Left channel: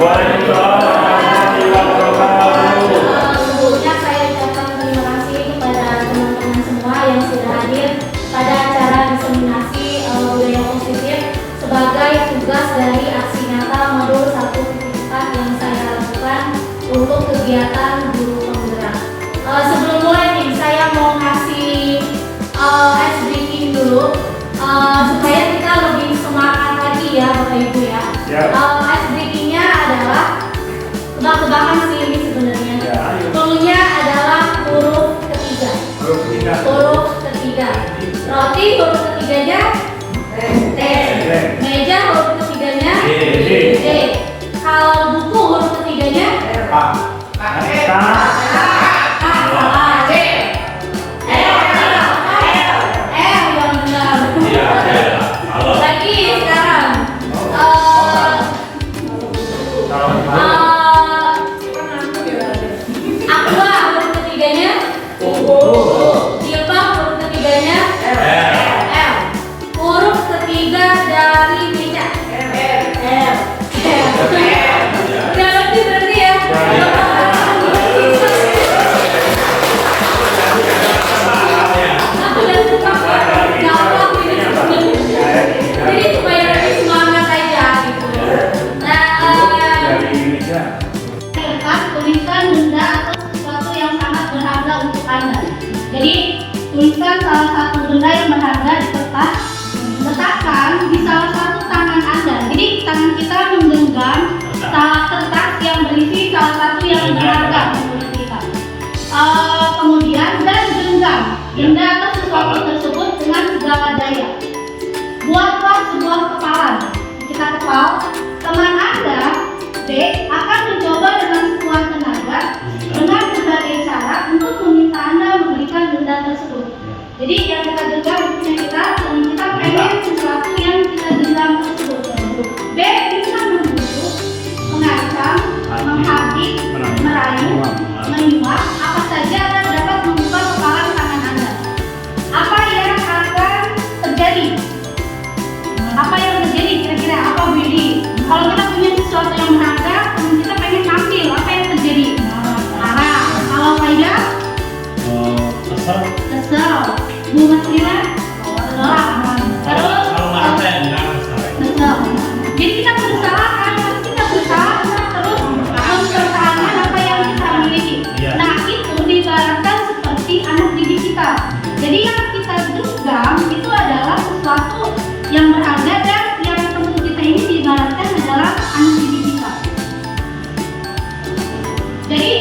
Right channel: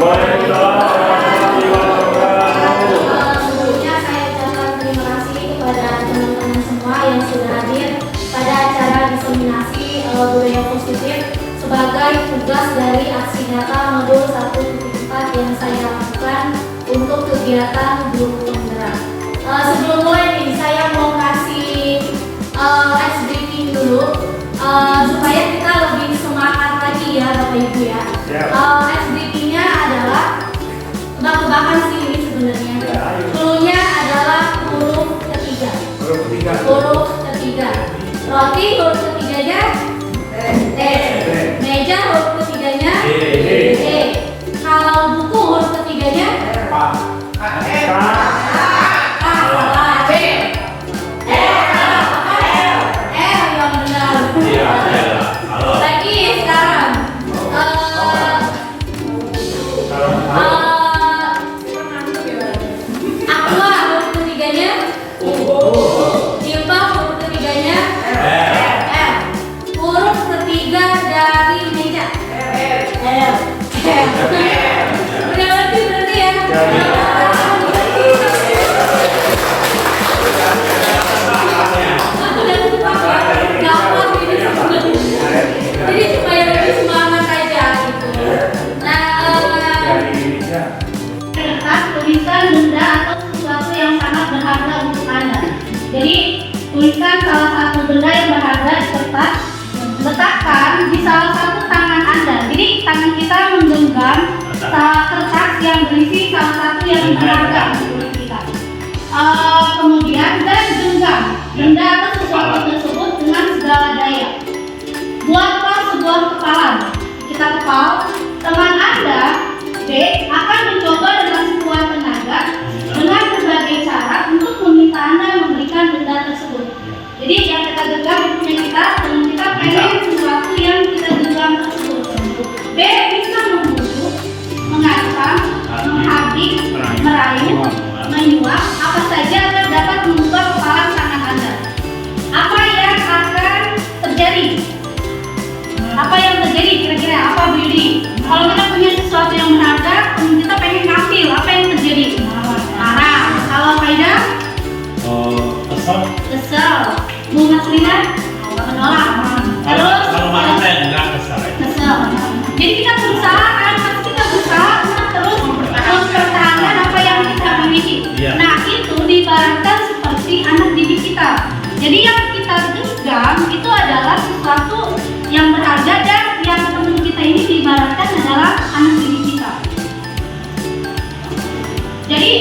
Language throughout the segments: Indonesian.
Sebelumnya saya ucapkan terima kasih kepada teman-teman semua yang sudah hadir pada acara diseminasi budaya positif sebagai tugas dari aksi nyata modul 1.4 yang saya lakukan untuk kegiatan guru penggerak. Sebelum mulai nih, saya mau ngasih ice breaking dulu supaya kita lebih semangat lagi ya Bapak Ibu ya. Ice breakingnya adalah tebak-tebakan sih ini sebenarnya. Cluenya adalah huruf ketiga. Huruf ketiga. Roti huruf ketiganya T. Meja huruf ketiganya D. Kalau buku huruf ketiganya tuliskan salah satu benda yang berharga di kertas, letakkan di salah satu tangan Anda. Jadi tangan kita menggenggam kertas yang berisi salah satu yang berharga menurut kita. Kemudian dan genggam benda atau sesuatu tersebut dengan segala daya. Buatlah sebuah kepalan. Kita kepal. Teman Anda B akan mencoba dengan sekuat tenaga dengan berbagai cara untuk meminta Anda memberikan benda tersebut. Jadi yang kita genggam punya kita, dan kita pengen sesuatu yang kita genggam tersebut. B bisa membujuk, mengancam, menghabis, merayu, menyuap, apa saja yang dapat membuka kepalan tangan Anda. Apa yang akan terjadi? Apa yang terjadi kira-kira? Apa berdiri? Kalau kita punya sesuatu yang berharga, kita pengen ngambil, apa yang terjadi? Marah. Kalau Faida? Kesel. Bu Maslina? Menolak. Terus? Kalau marah saya enggak kesel. Jadi kita berusaha terus mempertahankan apa yang kita miliki. Nah itu diibaratkan seperti anak didik kita. Jadi yang kita genggam itu adalah sesuatu yang berharga dan yang perlu kita ini diibaratkan adalah anak didik kita. Jadi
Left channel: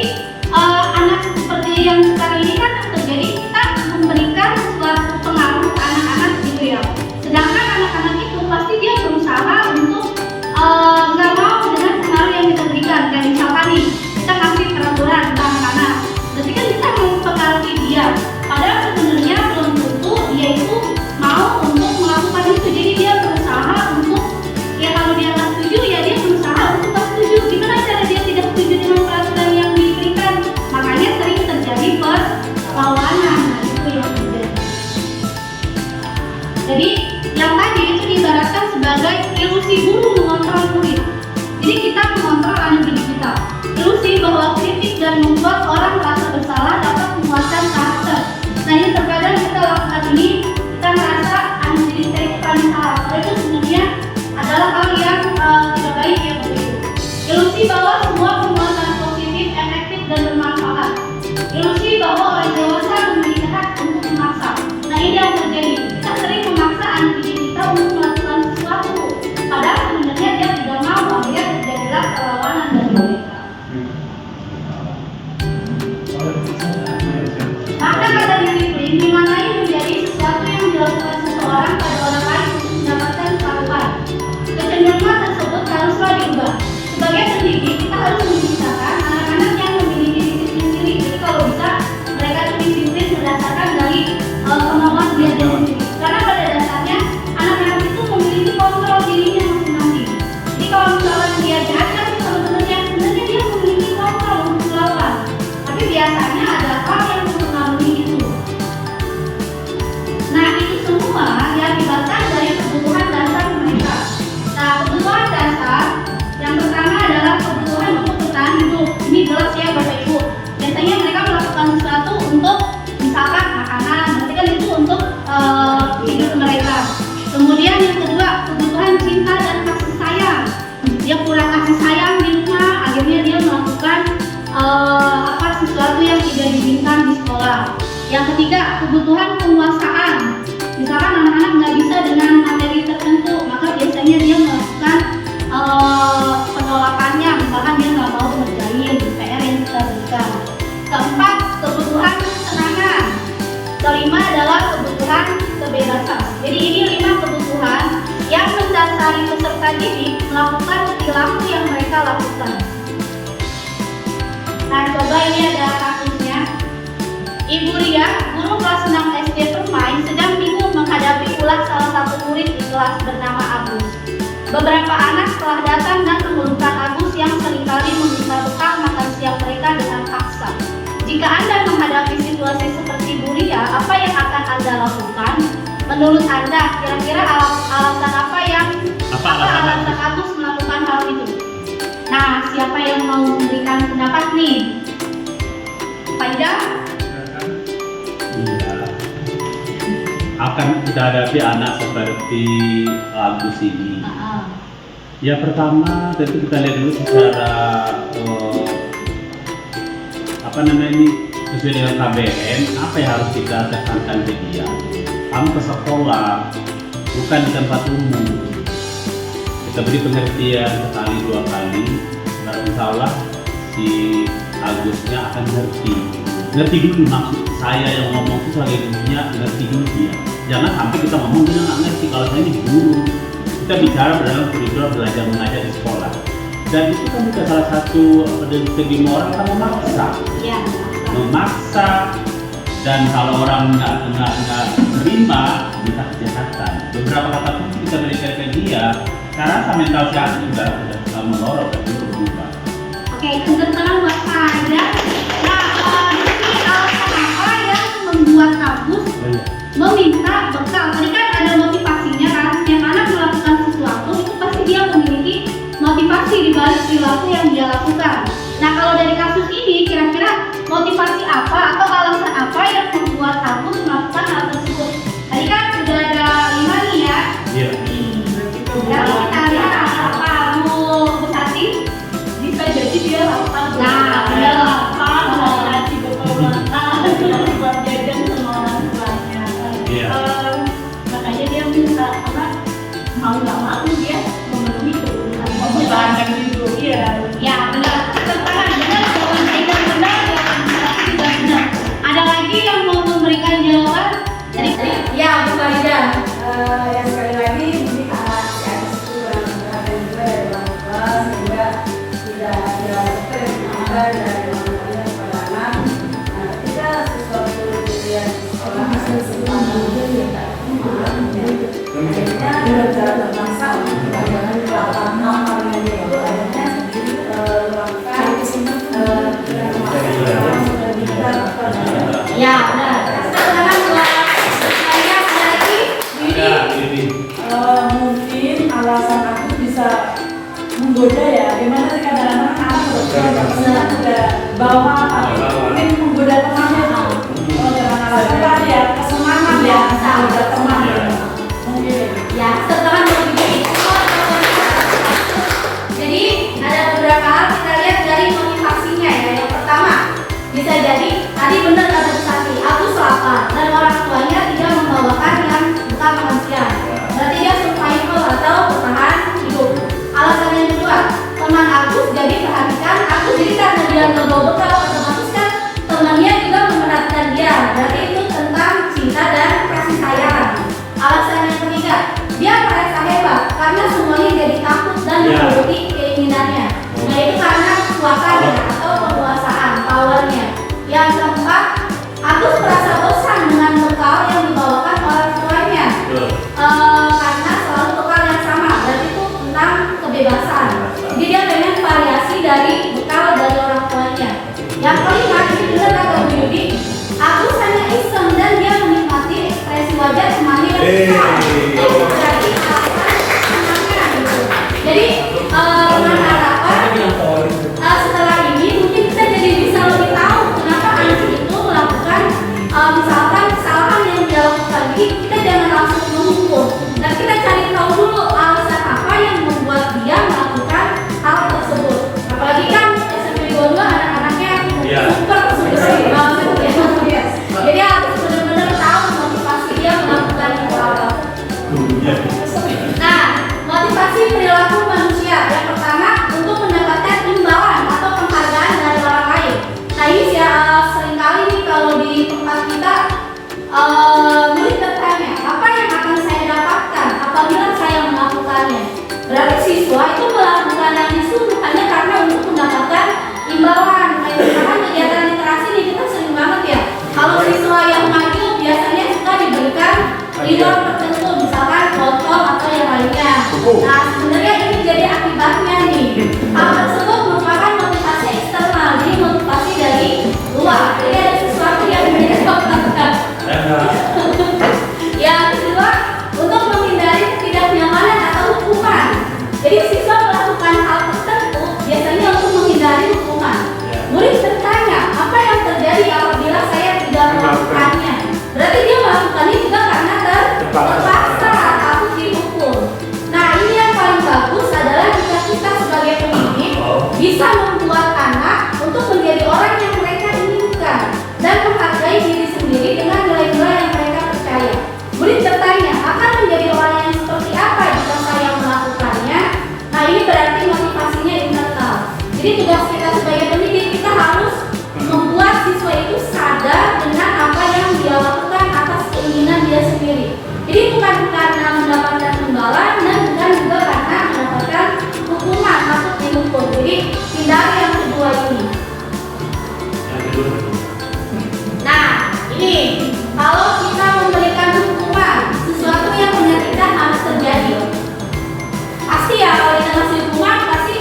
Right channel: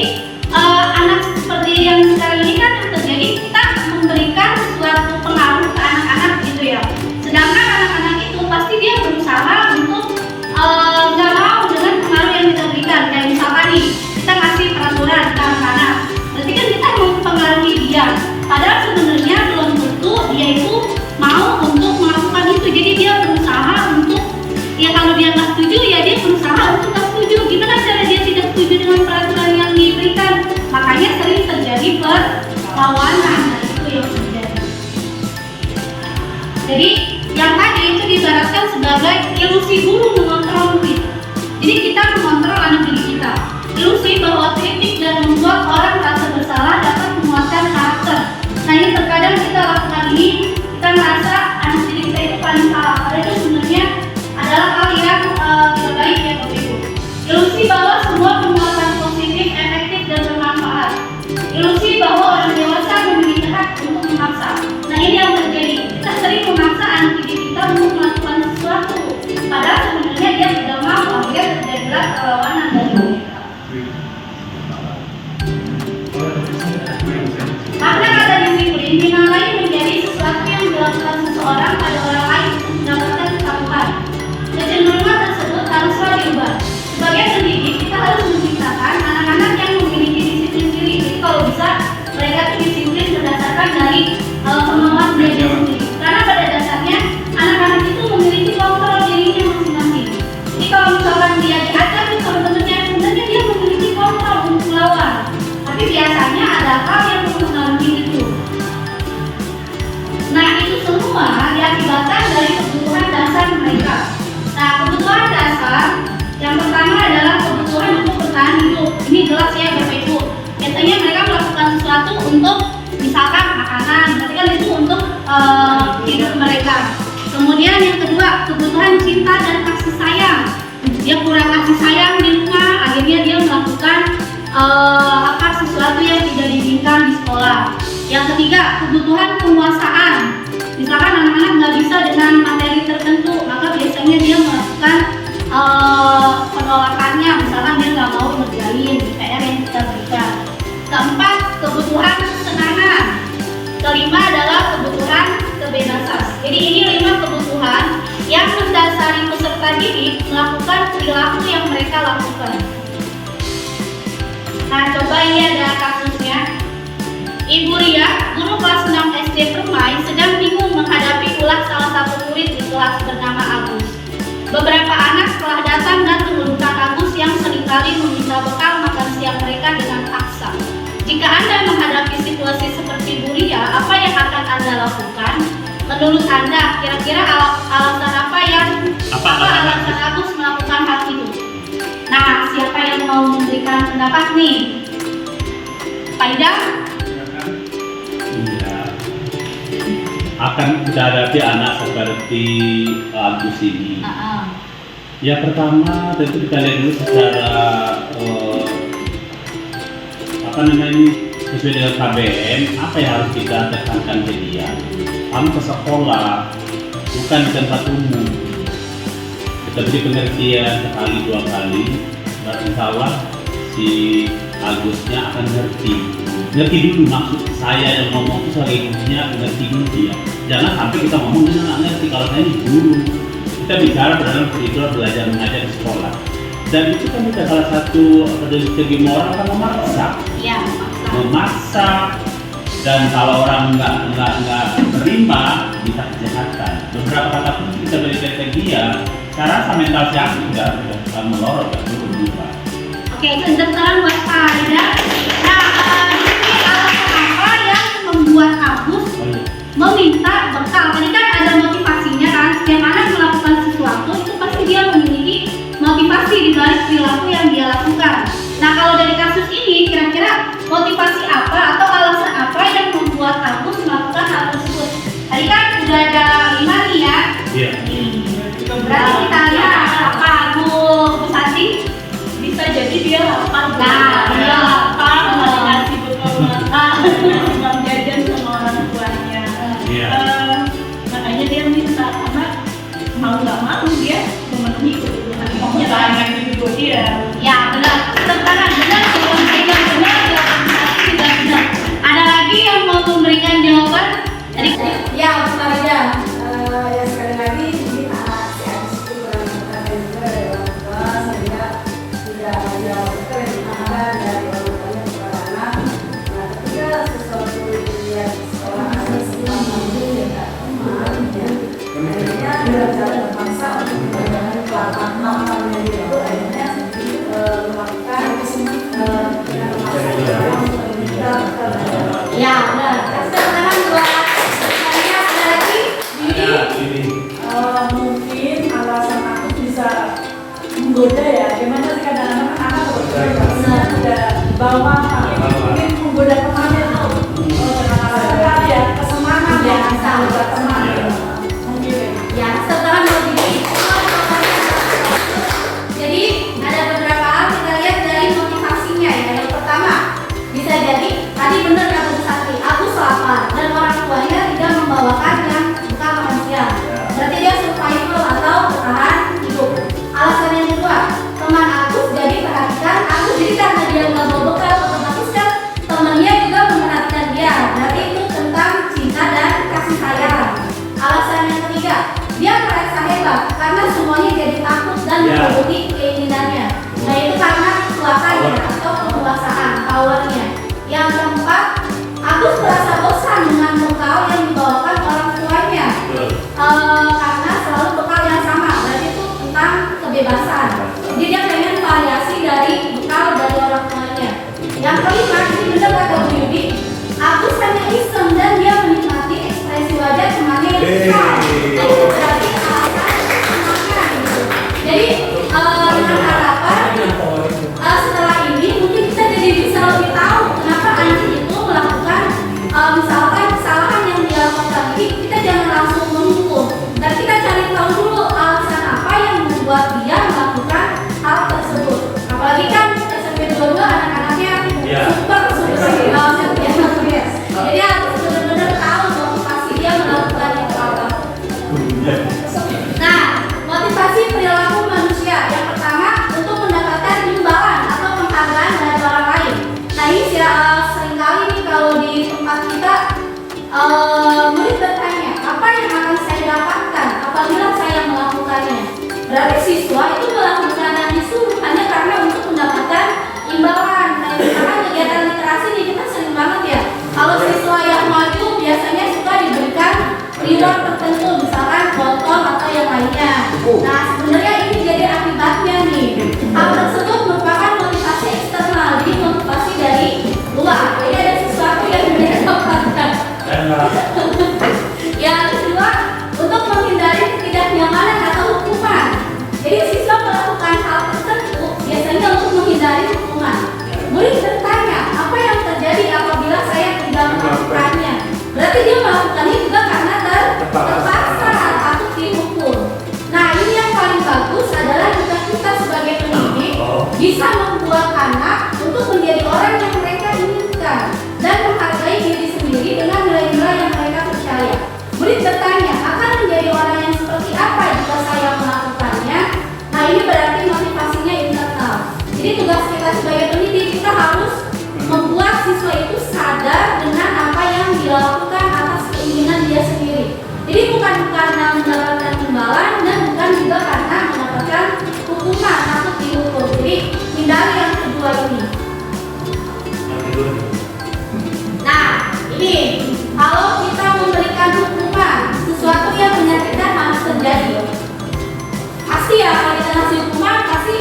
anak seperti yang sekarang ini kan terjadi, kita memberikan suatu pengaruh ke anak-anak gitu ya. Sedangkan anak-anak itu pasti dia berusaha untuk nggak mau dengan pengaruh yang kita berikan. Kayak misalkan nih kita ngasih peraturan ke anak-anak, berarti kan kita mempengaruhi dia. Padahal sebenarnya belum tentu dia itu mau untuk melakukan itu. Jadi dia berusaha untuk, ya kalau dia nggak setuju ya dia berusaha untuk nggak setuju. Gimana cara dia tidak setuju dengan peraturan yang diberikan? Makanya sering terjadi perlawanan. Nah itu yang terjadi. Jadi yang tadi itu diibaratkan sebagai ilusi guru mengontrol murid. Jadi kita mengontrol anak didik kita. Ilusi bahwa kritik dan membuat orang merasa bersalah dapat menguatkan karakter. Nah ini terkadang kita lakukan ini, kita merasa anak didik kita itu paling salah. Padahal itu sebenarnya adalah hal yang tidak baik ya Bapak Ibu. Ilusi bahwa semua penguatan positif, efektif dan bermanfaat. Ilusi bahwa orang dewasa memiliki hak untuk memaksa. Nah ini yang terjadi. Kita sering memaksa anak didik kita untuk melakukan sesuatu, padahal sebenarnya dia tidak mau. Akhirnya terjadilah perlawanan dari mereka. Makna kata disiplin dinamai menjadi sesuatu yang dilakukan seseorang pada orang lain untuk mendapatkan ketahuan. Kecenderungan tersebut haruslah diubah. Sebagai pendidik, kita harus menciptakan anak-anak yang memiliki disiplin diri. Jadi kalau bisa, mereka itu disiplin berdasarkan dari kemampuan belajar sendiri. Karena pada dasarnya anak-anak itu Ibu Ria, guru kelas 6 SD Permai, sedang bingung menghadapi ulah salah satu murid di kelas bernama Agus. Beberapa anak telah datang dan mengeluhkan Agus yang seringkali meminta bekal makan siang mereka dengan paksa. Jika Anda menghadapi situasi seperti Bu Ria, apa yang akan Anda lakukan? Menurut Anda, kira-kira alasan alasan Agus melakukan hal itu? Nah, siapa yang mau memberikan pendapat nih? Pak Ida? Iya. Akan kita hadapi anak seperti Agus ini. Ya pertama tentu kita lihat dulu secara sesuai dengan KBM apa yang harus kita tekankan ke dia. Kamu ke sekolah bukan di tempat umum. Kita beri pengertian sekali dua kali, insya Allah si Agusnya akan ngerti dulu maksud saya yang ngomong itu sebagai gurunya, ngerti dulu dia. Jangan sampai kita ngomong dia nggak ngerti. Kalau saya ini guru, kita bicara dalam kurikulum belajar mengajar di sekolah. Dan itu kan juga salah satu dari segi moral kan memaksa. Iya, memaksa. Dan kalau orang nggak terima bisa kejahatan. Beberapa kata kunci kita berikan ke dia. Karena sama mental siapa sudah melorot dan berubah. Oke, kedengaran buat Anda. Nah, ini alasan apa yang membuat Agus meminta bekal? Tadi kan ada motivasinya kan. Yang anak melakukan sesuatu itu pasti dia memiliki motivasi di balik perilaku yang dia lakukan. Nah, kalau dari kasus ini kira-kira motivasi apa atau alasan apa yang membuat Agus melakukan hal tersebut? Tadi kan sudah ada 5 nih ya. Iya. Berarti kita lihat apakah Bu Santi bisa jadi dia lapar. Nah, dia lapar, mau dikasih bekal makan, buat jajan sama orang tuanya. Makanya dia minta, karena mau nggak mau dia memenuhi kebutuhan banyak juga dia. ya benar, benar, benar. Ada lagi yang mau memberikan jawaban? Tadi Ya, bukan aja. Yang sekali lagi mungkin anak si Agus itu berada juga dari orang tua sehingga tidak ada permintaan dari orang tuanya kepada anak. Nah, ketika sesuatu dilihat di sekolah ada sebuah mungkin tidak teman, akhirnya benar-benar terpaksa untuk menggunakan kelapan namanya dia itu akhirnya melakukan ya benar. Sekarang buat saya ada lagi Bibi. Mungkin alasan aku bisa menggoda ya. Gimana sih kadang-kadang anak sudah bawa mungkin menggoda temannya. Kadang-kadang ya kesenangan ya menggoda teman. Mungkin. Ya, setelah Bibi. Jadi ada beberapa hal kita lihat dari motivasinya ya. Yang pertama, bisa jadi tadi benar kata Bu Santi, Agus lapar dan orang tuanya tidak membawakan yang bekal makan siang. Berarti dia survival atau bertahan hidup. Alasan yang kedua, teman Agus jadi perhatikan Agus, jadi karena dia nggak bawa bekal, otomatis kan temannya juga memperhatikan dia. Berarti itu tentang cinta dan kasih sayang. Alasan yang ketiga, dia merasa hebat karena semuanya jadi takut dan menuruti keinginannya. Nah, itu karena kekuatannya atau penguasaan, powernya. Yang keempat, Agus merasa bosan dengan bekal yang dibawakan orang tuanya. Karena selalu bekal yang sama, berarti itu tentang kebebasan. Jadi dia pengen variasi dari bekal dari orang tuanya. Yang kelima, ini benar kata Bu Yudi, Agus hanya iseng dan dia menikmati ekspresi wajah temannya yang besar. Itu berarti alasan semangat gitu. Jadi dengan harapan setelah ini mungkin kita jadi bisa lebih tahu kenapa anak itu melakukan misalkan kesalahan yang dia lakukan. Jadi kita jangan langsung menghukum, dan kita cari tahu dulu alasan apa yang membuat dia melakukan hal tersebut. Apalagi kan SMP 22 anak-anaknya super ya. Jadi harus benar-benar tahu motivasi dia melakukan itu apa. Nah, motivasi perilaku manusia yang pertama untuk mendapatkan imbalan atau penghargaan dari orang lain. Nah, ini seringkali nih kalau di tempat kita murid bertanya, apa yang akan saya dapatkan apabila saya melakukannya? Berarti siswa itu melakukan itu hanya karena untuk mendapatkan imbalan. Nah, misalkan kegiatan literasi ini kita sering banget ya. Kalau terjadi hukuman. Murid bertanya, apa yang terjadi apabila saya tidak melakukannya? Berarti dia melakukannya juga karena terpaksa atau dihukum. Nah, ini yang paling bagus adalah jika kita sebagai pendidik bisa membuat anak untuk menjadi orang yang mereka inginkan dan menghargai diri sendiri dengan nilai-nilai yang mereka percaya. Murid bertanya, akan menjadi orang yang seperti apa jika saya melakukannya? Nah, ini berarti motivasinya internal. Jadi tugas kita sebagai pendidik, kita harus membuat siswa itu sadar dengan apa yang dia lakukan atas keinginan dia sendiri. Jadi bukan karena mendapatkan imbalan dan bukan juga karena mendapatkan hukuman atau dihukum. Jadi hindari yang kedua ini. Nah, ini kalau kita memberikan hukuman, sesuatu yang menyakitkan harus terjadi. Pasti ya, kalau kita ngasih hukuman, pasti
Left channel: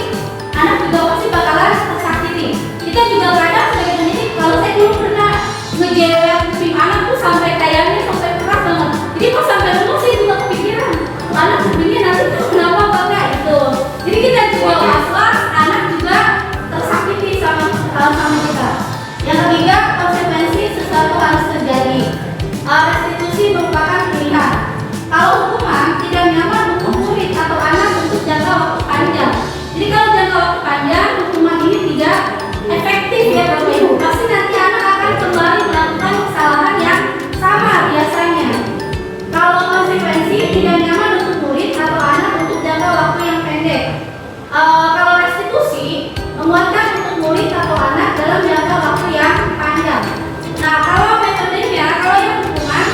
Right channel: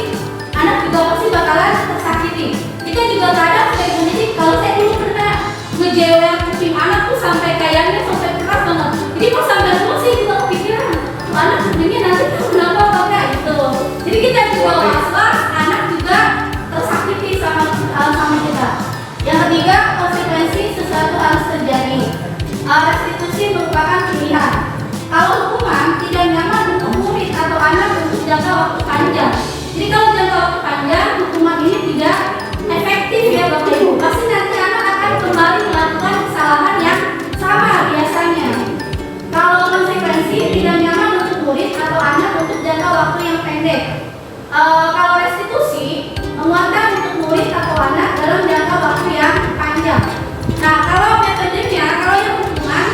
anak juga pasti bakalan tersakiti. Kita juga kadang sebagai pendidik, kalau saya dulu pernah ngejewer kuping anak tuh sampai kayaknya sampai keras banget. Jadi pas sampai dulu sih juga kepikiran, anak kupingnya nanti tuh kenapa bangga itu. Jadi kita juga was-was, anak juga tersakiti sama kita. Yang ketiga, konsekuensi sesuatu harus terjadi. Restitusi merupakan pilihan. Kalau hukuman tidak nyaman untuk murid atau anak untuk jangka waktu panjang. Jadi kalau jangka waktu panjang, hukuman ini tidak efektif ya Bapak Ibu. Pasti nanti anak akan kembali melakukan kesalahan yang sama biasanya. Kalau konsekuensi tidak nyaman untuk murid atau anak untuk jangka waktu yang pendek. Kalau restitusi menguatkan untuk murid atau anak dalam jangka waktu yang panjang. Nah, kalau metodenya, kalau yang hukuman,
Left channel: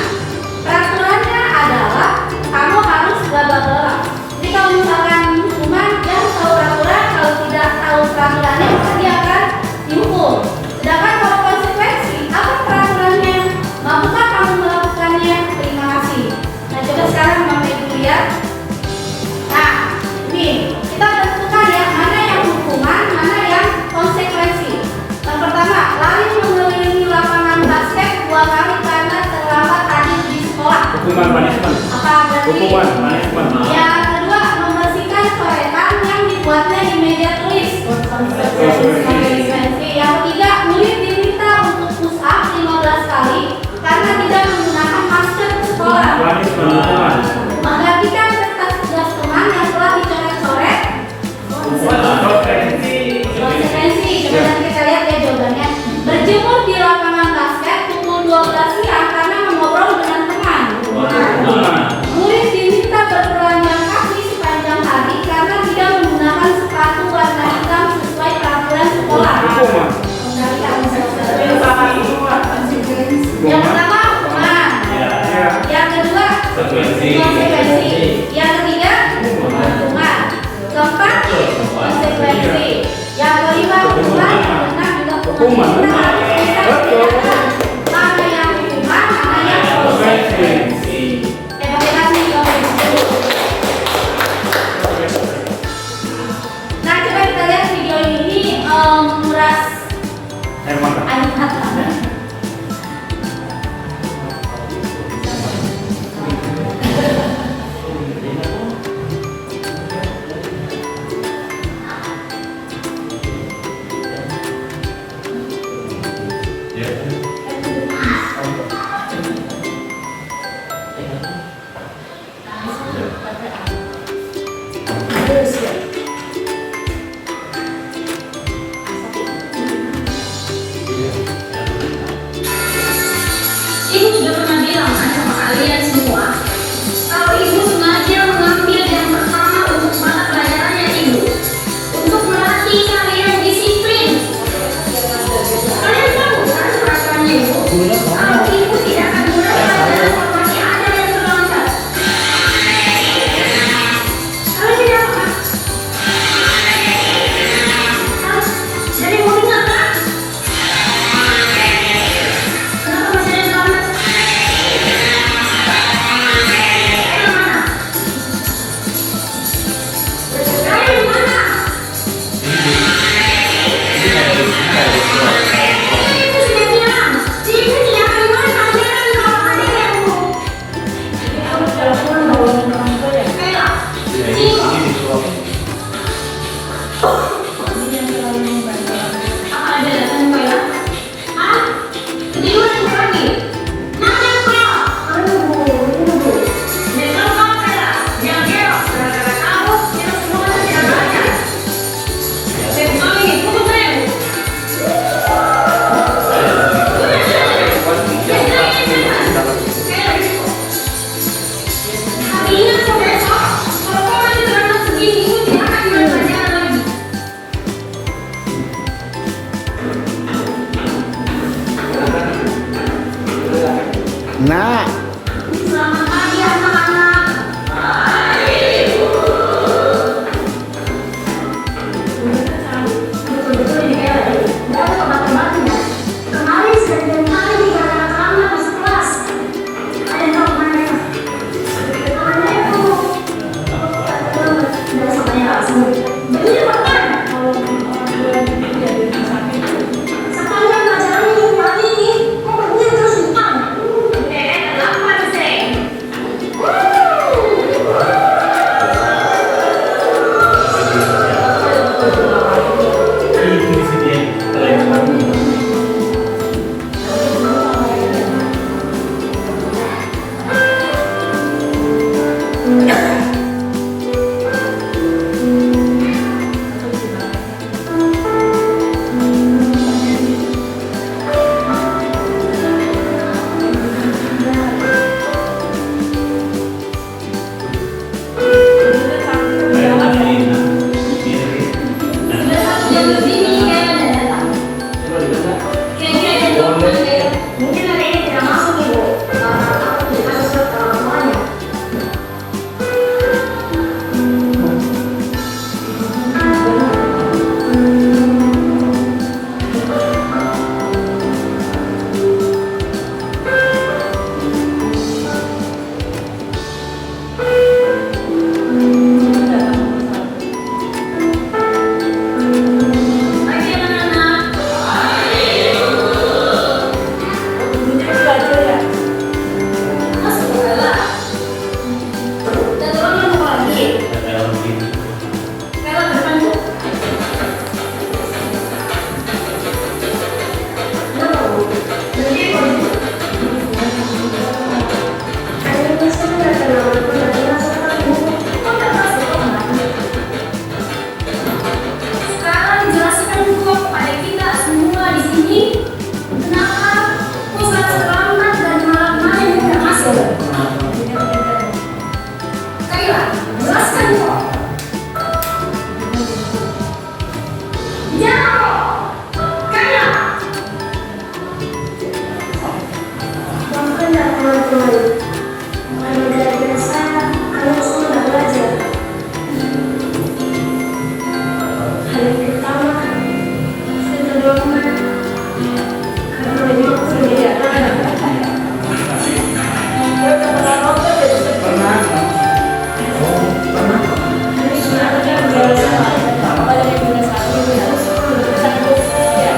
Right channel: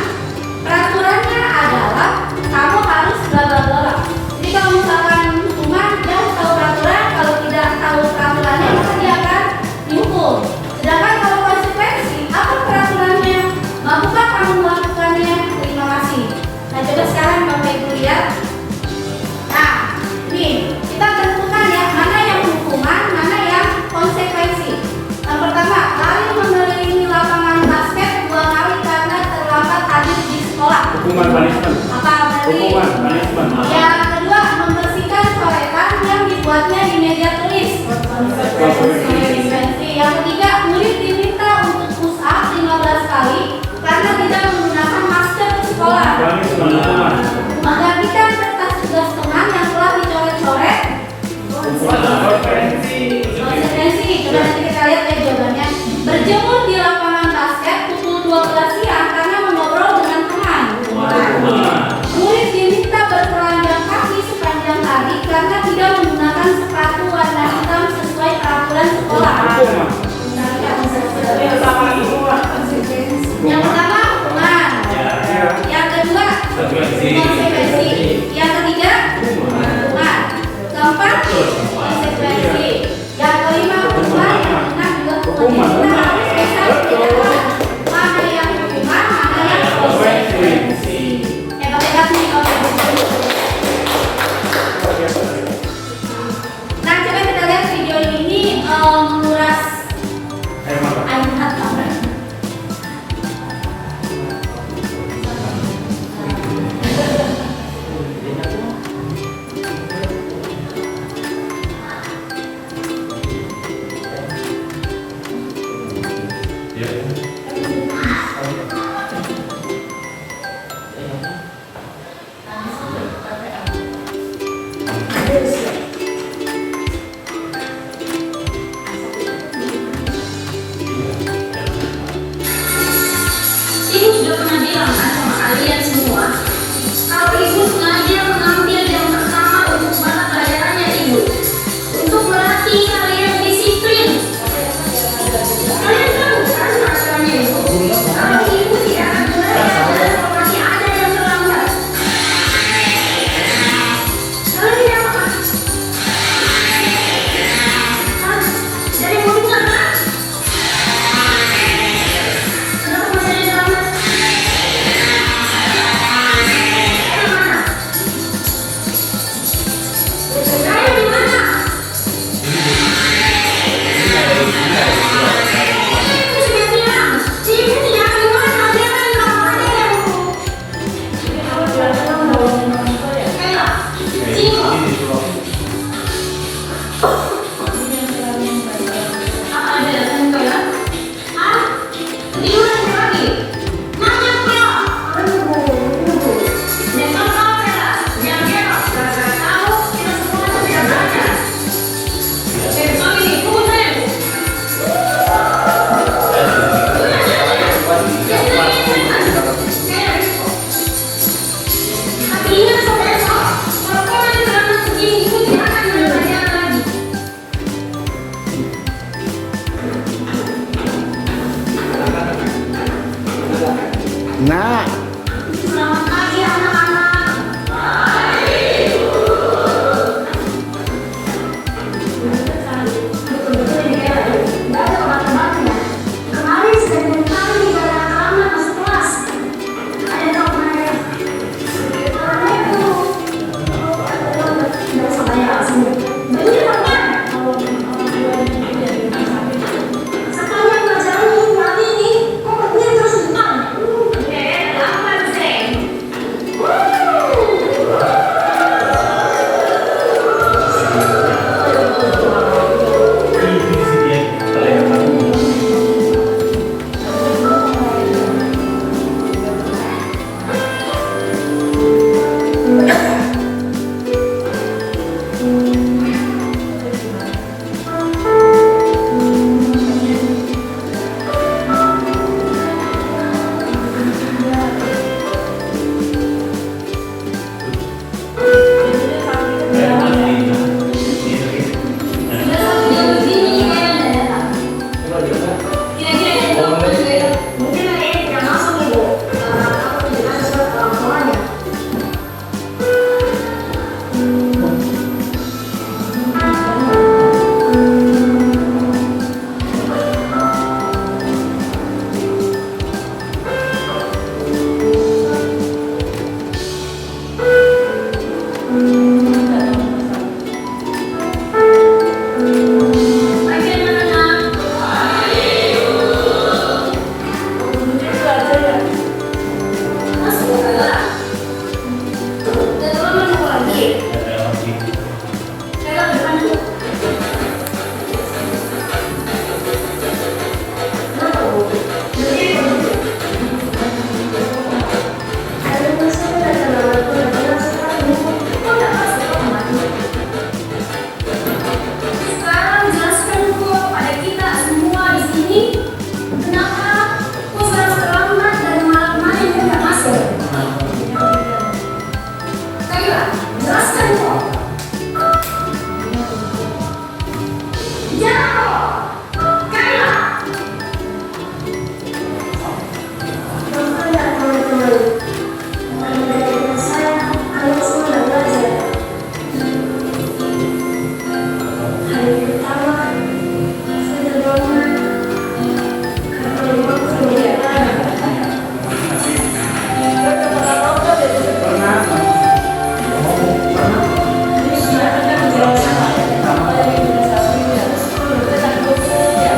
peraturannya adalah kamu harus bla-bla-bla. Jadi kalau misalkan hukuman, dia harus tahu peraturan. Kalau tidak tahu peraturannya, maka dia akan dihukum. Sedangkan kalau konsekuensi, apa peraturannya? Mampukah kamu melakukannya? Terima kasih. Nah, coba sekarang Bapak Ibu lihat. Nah, ini kita tentukan ya, mana yang hukuman, mana yang konsekuensi. Yang pertama, lari mengelilingi lapangan basket 2 kali karena terlambat hadir di sekolah. Hukuman punishment. Apa berarti? Hukuman punishment. Yang kedua, membersihkan coretan yang dibuatnya di meja tulis. Konsekuensi. Yang ketiga, murid diminta untuk push up 15 kali karena tidak menggunakan masker ke sekolah. Hukuman. Menggantikan kertas tugas teman yang telah dicoret-coret. Konsekuensi. Konsekuensi. Coba nanti kita lihat ya jawabannya. Berjemur di lapangan basket pukul 12 siang karena mengobrol dengan teman. Murid diminta bertelanjang kaki sepanjang hari karena tidak menggunakan sepatu warna hitam sesuai peraturan sekolah. Yang pertama hukuman, yang kedua konsekuensi, yang ketiga hukuman, keempat konsekuensi, yang kelima hukuman, yang keenam juga hukuman. Kita harus bisa membedakan mana yang hukuman, mana yang konsekuensi. Kasih konsekuensi. Nah, coba kita lihat video ini menguras air mata. Ibu sudah pernah bilang kan sama kalian semua, kalau ibu sengaja mengambil yang pertama untuk mata pelajarannya ibu, untuk melatih kalian disiplin. Kalian tahu kan rasanya ibu? Kalau ibu tidak akan belajar seperti ada yang terloncat. Kalian tidak apa? Dari mulut kan? Kenapa masih ada yang terlambat? Nah, Selamat pagi anak-anak. Betul-betul ini ya, nggak ada obat-obatnya. Kemarin saya dengar di pada anak-anak masuk kelas. Ada yang tahu kemana ya? Kemana itu? Nggak sebanyak semua. Jadi makan. Sampai pelajaran ini kali ini, kok perutnya terus makan? Lapar sih. Ini sih dia keren banget. Mungkin hari ini tidak masuk ibu, karena aku tidak kasih surat ke orang tuanya. Pagi anak-anak. Masuk bola. Dan turun mau lagi. Lewat depan bu. Kenapa bu? Berhenti kok bu. Ada yang masuk ke dalam aku dan bilang sekarang bu. Kok nggak masuk kok sekarang jelaskan kok pada kita semua di sini kenapa kok selalu terlambat dari malam kemarin udah masuk. Ayo, jelaskan kok. Jawab. Kaya. Makanya teman-teman, mulai dari biasa, kalian semua udah belajar. Hari pertama, saya udah bangun. Karena memang aku sudah tidak tahan. Dia udah pernah dan tutup pernah. Ini sudah ada penjelasan pada minggu satu dan sepuluh tentang hukumnya.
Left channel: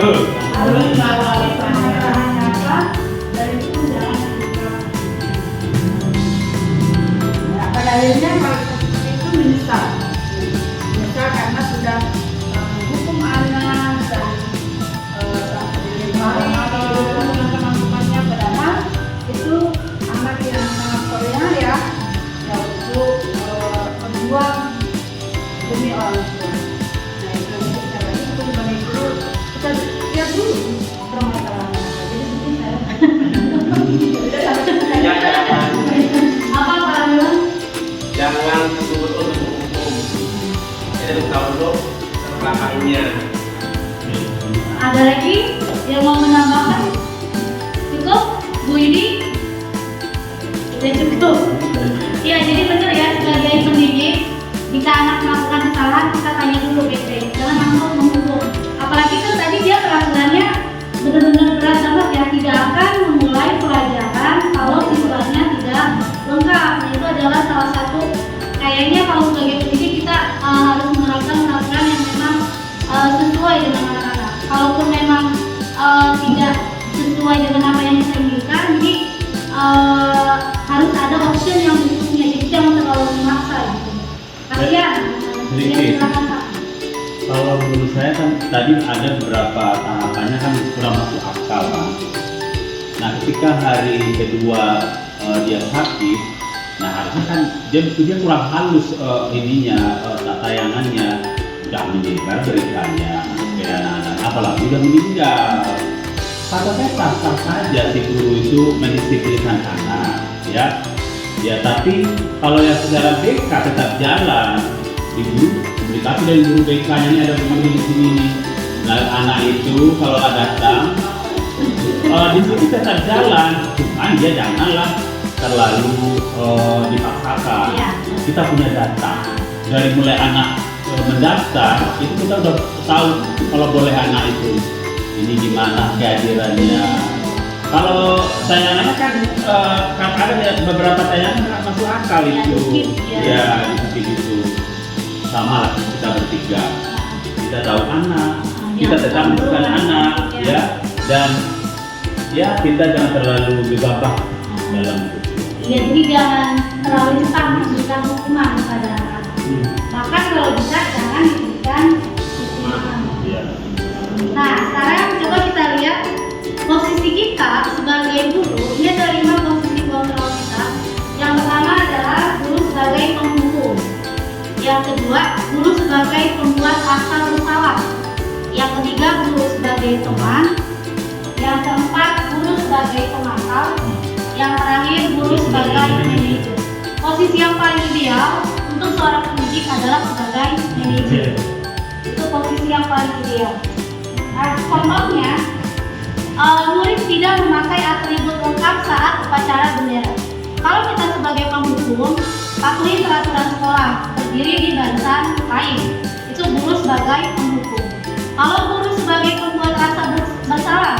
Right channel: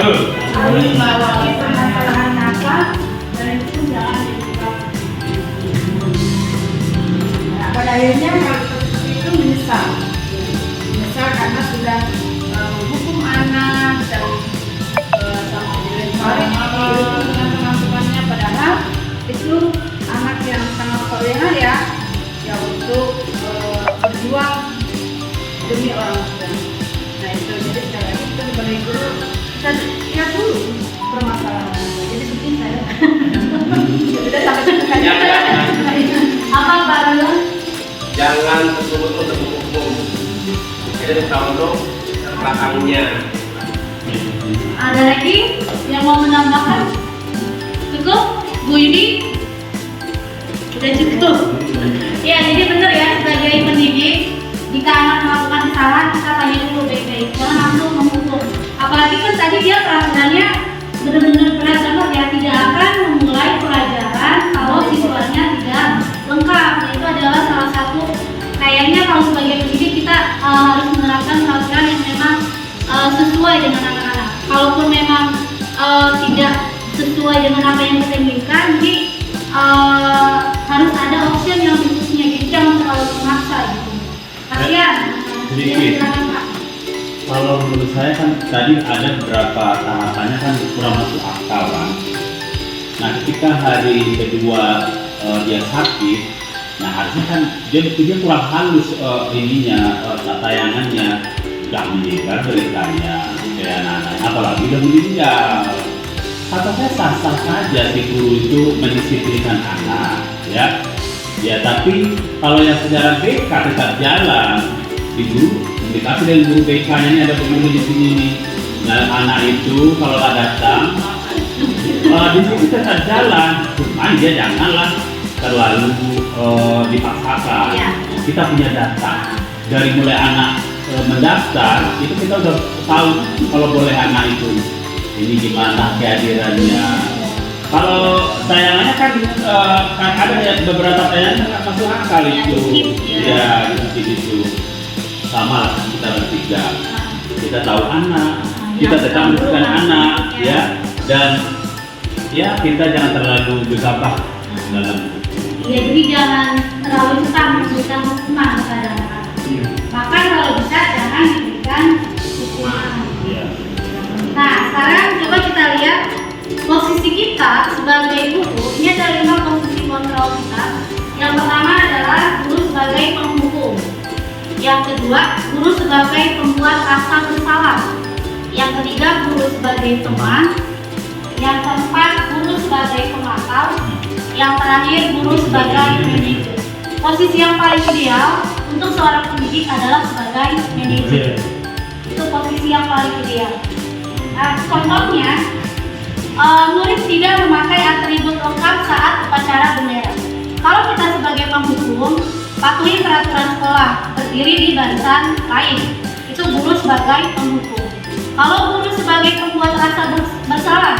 Betul. Harus mengawali permasalahan nakal dan itu jangan dibuka. Nah, pada akhirnya hal itu menyesal karena sudah menghukum anak dan sampai dilempari dihukum dengan teman-temannya, padahal itu anak yang sangat toleran ya untuk berjuang demi orang tua. Nah itu jadi sekali lagi kita sebagai guru kita lihat dulu permasalahan apa. Jadi begini saya sudah sampai kemudian Apa Pak Rul? Jangan betul-betul terhukum. Jadi bertanggung untuk belakangnya. Ada lagi yang mau menambahkan? Cukup? Bu Yudi? Udah cukup? Ya, jadi benar ya, sebagai pendidik, jika anak melakukan kesalahan, kita tanya dulu baik-baik, jangan langsung menghukum. Apalagi kan tadi dia peraturannya benar-benar berat banget ya, tidak akan memulai pelajaran kalau siswanya tidak lengkap. Nah, itu adalah salah satu, kayaknya kalau sebagai pendidik kita harus menerapkan peraturan yang memang sesuai dengan anak-anak. Kalaupun memang tidak sesuai dengan apa yang kita inginkan, jadi harus ada option yang berikutnya, jadi jangan terlalu memaksa gitu. Kasihan. Sedikit. Silakan, Pak. Kalau menurut saya kan tadi ada beberapa tahapannya kan kurang masuk akal kan. Nah ketika hari kedua dia sakit, nah harusnya kan dia kurang halus tayangannya, nggak menyegar beritanya ke anak-anak, apalagi udah meninggal. Kata saya sah-sah saja si guru itu mendisiplinkan anak, ya. Ya tapi kalau yang secara BK tetap jalan, di guru komunikasi dengan guru BK-nya ini ada begini di sini nih. Nah anak itu kalau nggak datang, di sini tetap jalan, cuman dia janganlah terlalu dipaksakan. Iya. Kita punya data dari mulai anak mendaftar itu kita udah tahu kalau boleh anak itu ini gimana kehadirannya. Kalau tayangannya kan ada ya beberapa tayangan nggak masuk akal itu. Ya itu sama lah kita bertiga. Kita tahu anak, kita tetap menentukan anak, ya. Dan ya kita jangan terlalu gegabah dalam itu. Ya, jadi jangan terlalu cepat memberikan hukuman kepada anak. Bahkan kalau bisa jangan diberikan hukuman. Nah, sekarang coba kita lihat posisi kita sebagai guru. Ini ada 5 posisi kontrol kita. Yang pertama adalah guru sebagai penghukum. Yang kedua, guru sebagai pembuat rasa bersalah. Yang ketiga, guru sebagai teman. Yang keempat, guru sebagai pemantau. Yang terakhir, guru sebagai manajer. Posisi yang paling ideal untuk seorang pendidik adalah sebagai manajer. Itu posisi yang paling ideal. Nah, contohnya, murid tidak memakai atribut lengkap saat upacara bendera. Kalau kita sebagai penghukum, patuhi peraturan sekolah, berdiri di barisan lain. Itu guru sebagai penghukum. Kalau guru sebagai pembuat rasa bersalah,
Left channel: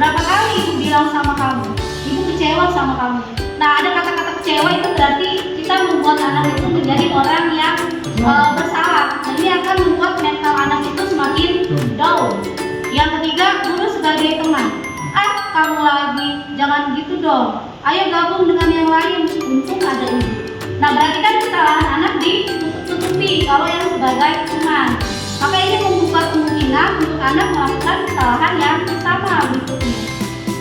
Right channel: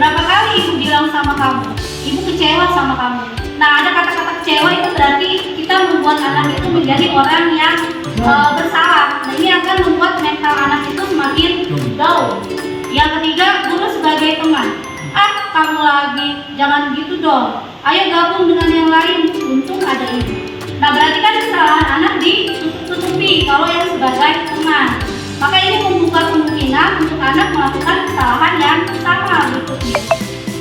berapa kali ibu bilang sama kamu, ibu kecewa sama kamu. Nah, ada kata-kata kecewa itu berarti kita membuat anak itu menjadi orang yang bersalah. Nah, ini akan membuat mental anak itu semakin down. Yang ketiga, guru sebagai teman. Kamu lagi, jangan gitu dong. Ayo gabung dengan yang lain, untung ada ibu. Nah, berarti kan kesalahan anak ditutup-tutupi kalau yang sebagai teman. Maka ini membuka kemungkinan untuk anak melakukan kesalahan yang sama berikutnya.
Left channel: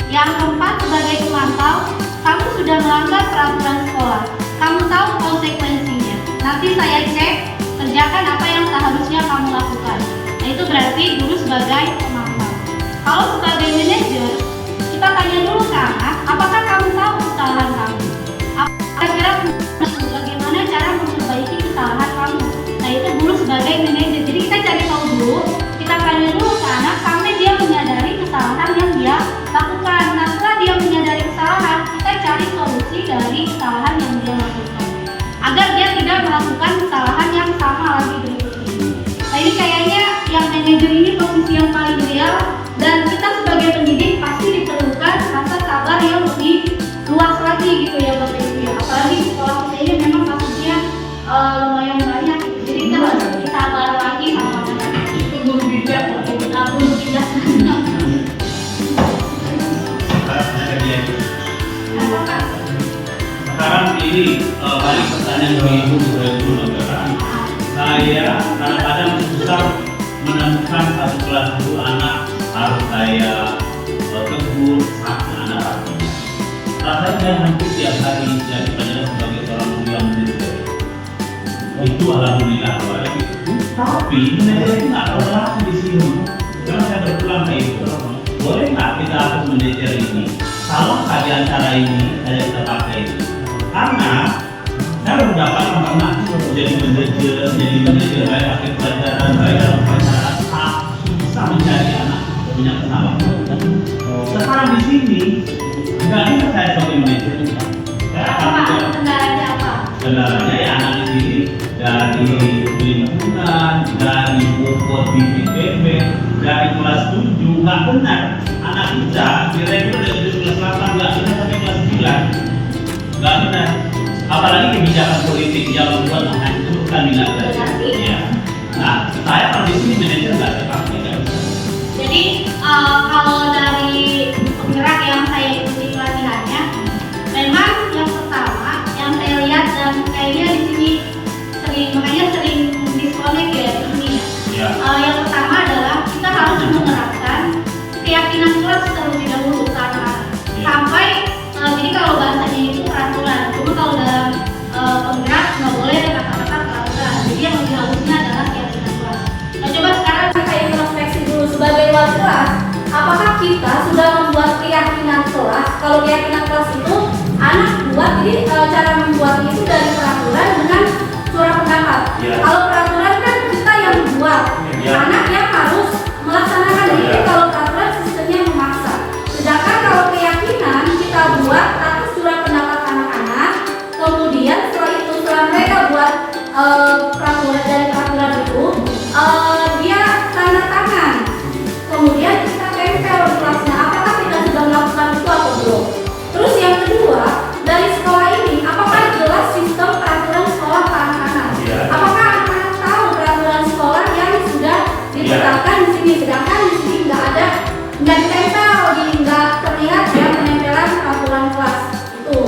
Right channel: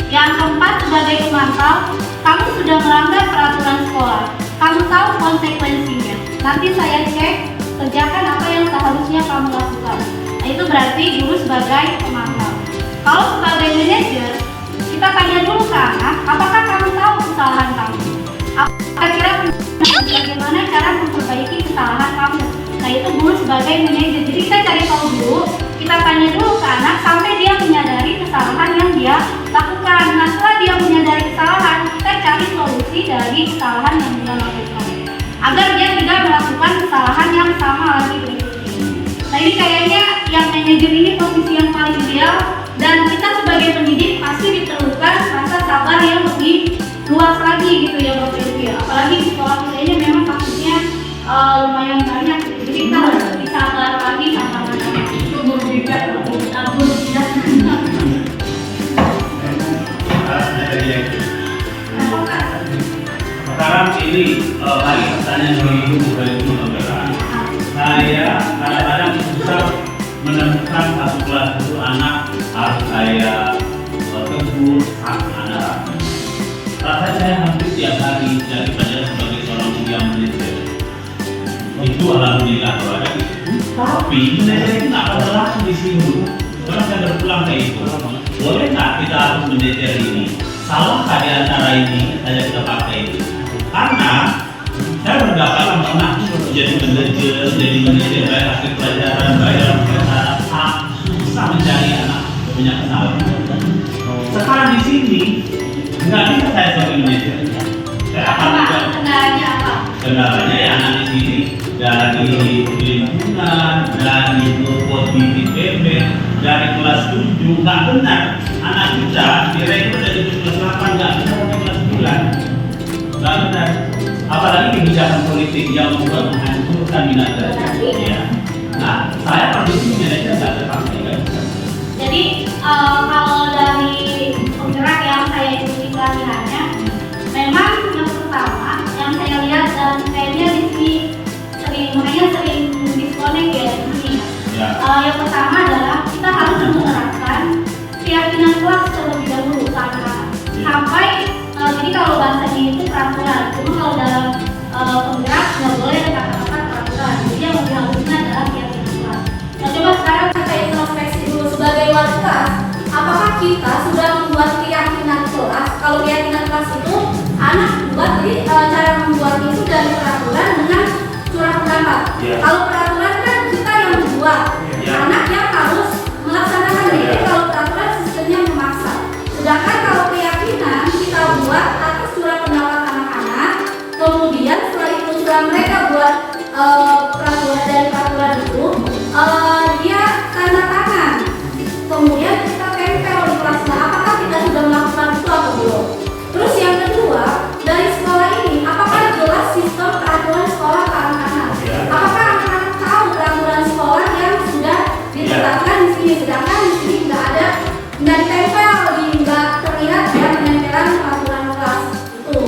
Yang keempat, sebagai pemantau, kamu sudah melanggar peraturan sekolah. Kamu tahu konsekuensinya. Nanti saya cek, kerjakan apa yang seharusnya kamu lakukan. Nah, itu berarti guru sebagai pemantau. Kalau sebagai manajer, kita tanya dulu ke anak, apakah kamu tahu kesalahan kamu? Kira-kira bagaimana cara memperbaiki kesalahan kamu? Nah, itu guru sebagai manajer. Jadi kita cari tahu dulu, kita tanya dulu ke anak sampai dia menyadari kesalahan yang dia lakukan. Nah, setelah dia menyadari kesalahan, kita cari solusi dari kesalahan yang dia lakukan agar dia tidak melakukan kesalahan yang sama lagi berikutnya. Nah, ini kayaknya yang manajer ini posisi yang paling ideal, dan kita sebagai pendidik pasti diperlukan rasa sabar yang lebih luas lagi gitu ya Bapak Ibu. Apalagi di sekolah kita ini memang kasusnya lumayan banyak, jadi kita harus lebih sabar lagi sama anak-anak. Itu guru bijak. Guru bijak. sekarang ini balik pertanyaan ibu dari dulu Bang. Saya kadang-kadang susah menemukan satu kelas dulu anak harus saya tegur satu anak rapi. Rasanya saya hampir tiap hari jadi pelajaran sebagai seorang kuliah manajer. Itu alhamdulillah kalau ada gitu. Tapi manajer itu nggak ada langsung di sini. Karena saya berpulang ke itu. Boleh nggak kita hapus manajer ini? Kalau di antara ini saja kita pakai ini. Karena saya berdapatan pernah jadi manajer bayar pakai pelajaran, bayar persyaratan, susah mencari anak punya kesalahan. Sekarang di sini nggak bisa saya sebagai manajer. Saya akan juga Kendalanya apa? kendalanya ya anak di sini dari lingkungan, dari bobot di PB, dari kelas 7 nggak benar. Anak kita direkrut dari kelas 8 nggak benar sampai kelas 9, nggak benar. Apalagi kebijakan politik yang membuat menghancurkan minat belajar. Ya. Nah, saya kalau di sini manajer nggak terpakai ya. Jadi kalau dari penggerak yang saya ikuti pelatihannya, memang yang pertama yang saya lihat dan kayaknya di sini sering disconnect ya di sini. Ya. Yang pertama adalah kita harus menerapkan keyakinan kelas terlebih dahulu ke anak-anak. Ya. Sampai jadi kalau bahasanya itu peraturan, cuma kalau dalam penggerak nggak boleh ada kata-kata peraturan. Jadi yang lebih halusnya adalah keyakinan kelas. Nah coba sekarang Kita introspeksi dulu sebagai wali kelas, apakah kita sudah membuat keyakinan kelas? Kalau keyakinan kelas itu anak buat, jadi cara membuatnya itu dari peraturan dengan surat pendapat. Ya. Kalau peraturan kan kita yang membuat, Ya. anak yang harus melaksanakannya. Ya. Jadi kalau peraturan sistemnya memaksa. Sedangkan kalau keyakinan kita buat atas surat pendapat anak-anak, kemudian setelah itu setelah mereka buat peraturan dari peraturan itu, dia tanda tangan, kemudian kita tempel di kelasnya. Apakah kita sudah melakukan itu atau belum? Terus yang kedua, dari sekolah ini apakah jelas sistem peraturan sekolah ke anak-anak? Ya. Apakah anak-anak tahu peraturan sekolah yang sudah ditetapkan di sini? Sedangkan di sini nggak ada, nggak ditempel, nggak terlihat ya penempelan peraturan kelas itu.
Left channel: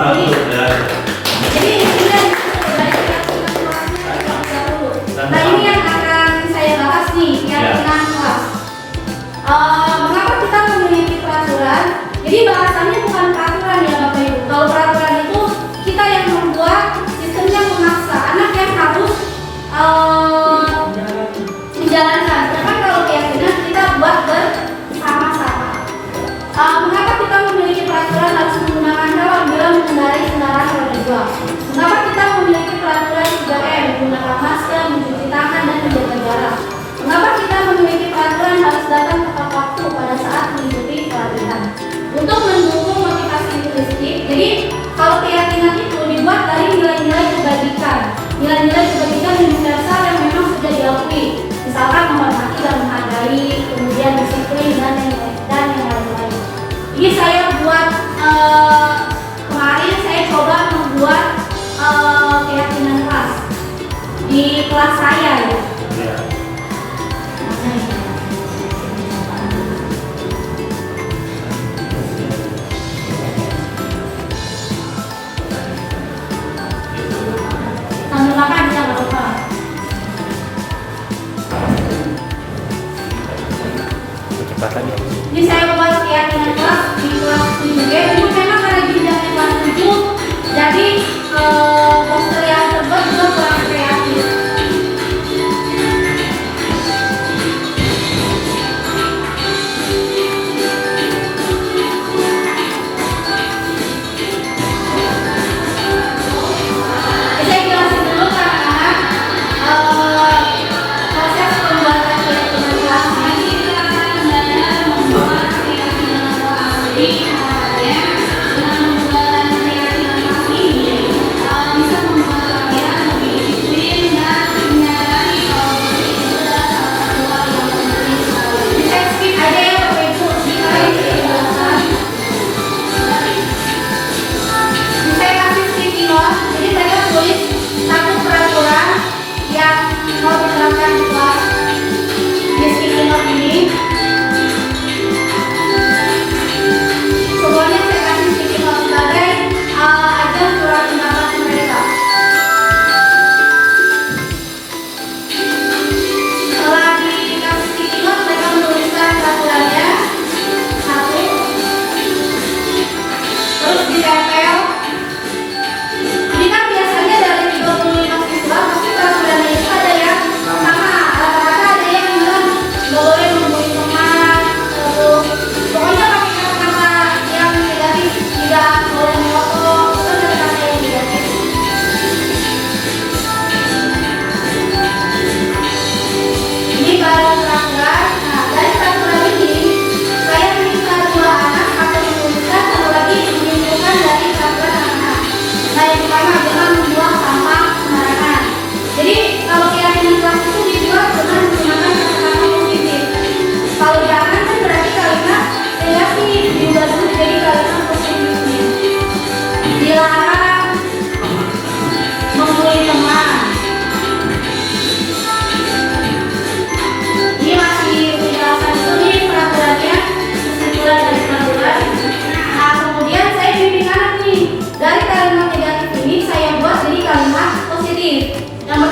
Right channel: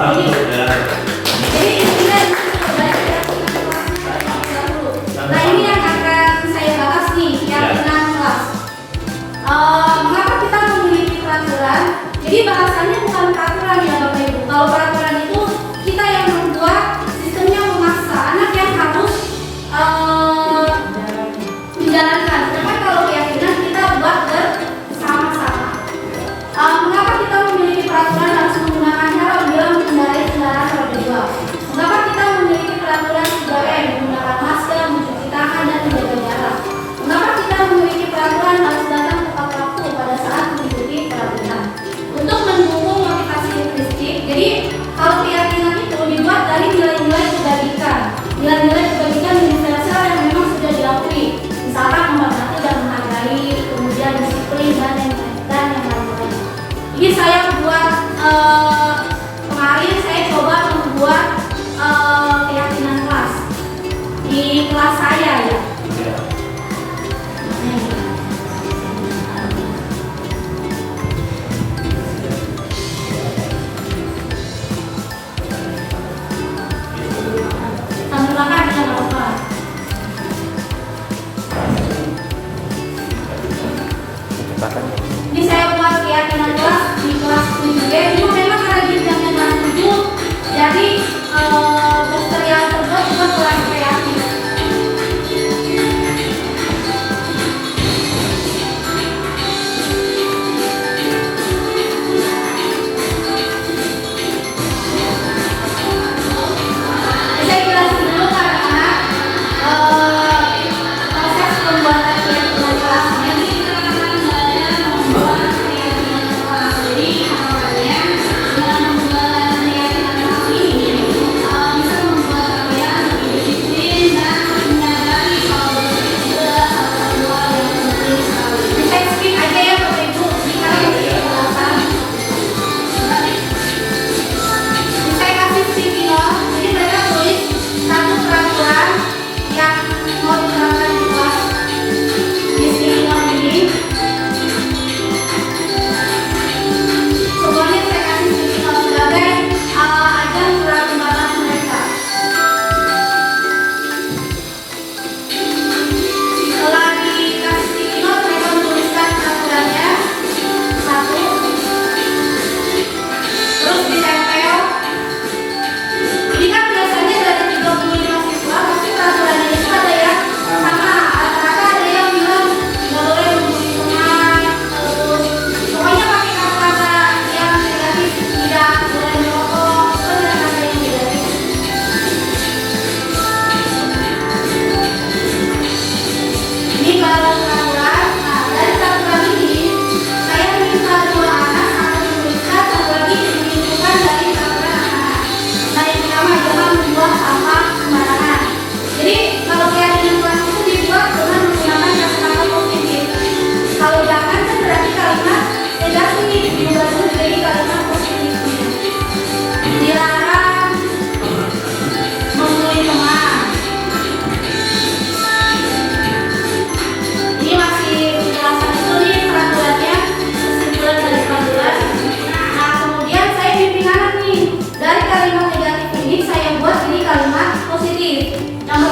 Betul, ya. Jadi intinya itu dari keyakinan kelasnya kita dulu. Nah ini yang akan saya bahas nih, keyakinan kelas. Mengapa kita memiliki peraturan? Jadi bahasannya bukan peraturan ya Bapak Ibu. Kalau peraturan itu kita yang membuat, sistemnya memaksa, anak yang harus menjalankan. Sedangkan kalau keyakinan kita buat bersama-sama. Mengapa kita memiliki peraturan harus menggunakan helm bila mengendarai kendaraan roda 2? Mengapa kita memiliki peraturan 3M, menggunakan masker, mencuci tangan, dan menjaga jarak? Mengapa kita memiliki peraturan harus datang tepat waktu pada saat mengikuti pelatihan? Untuk mendukung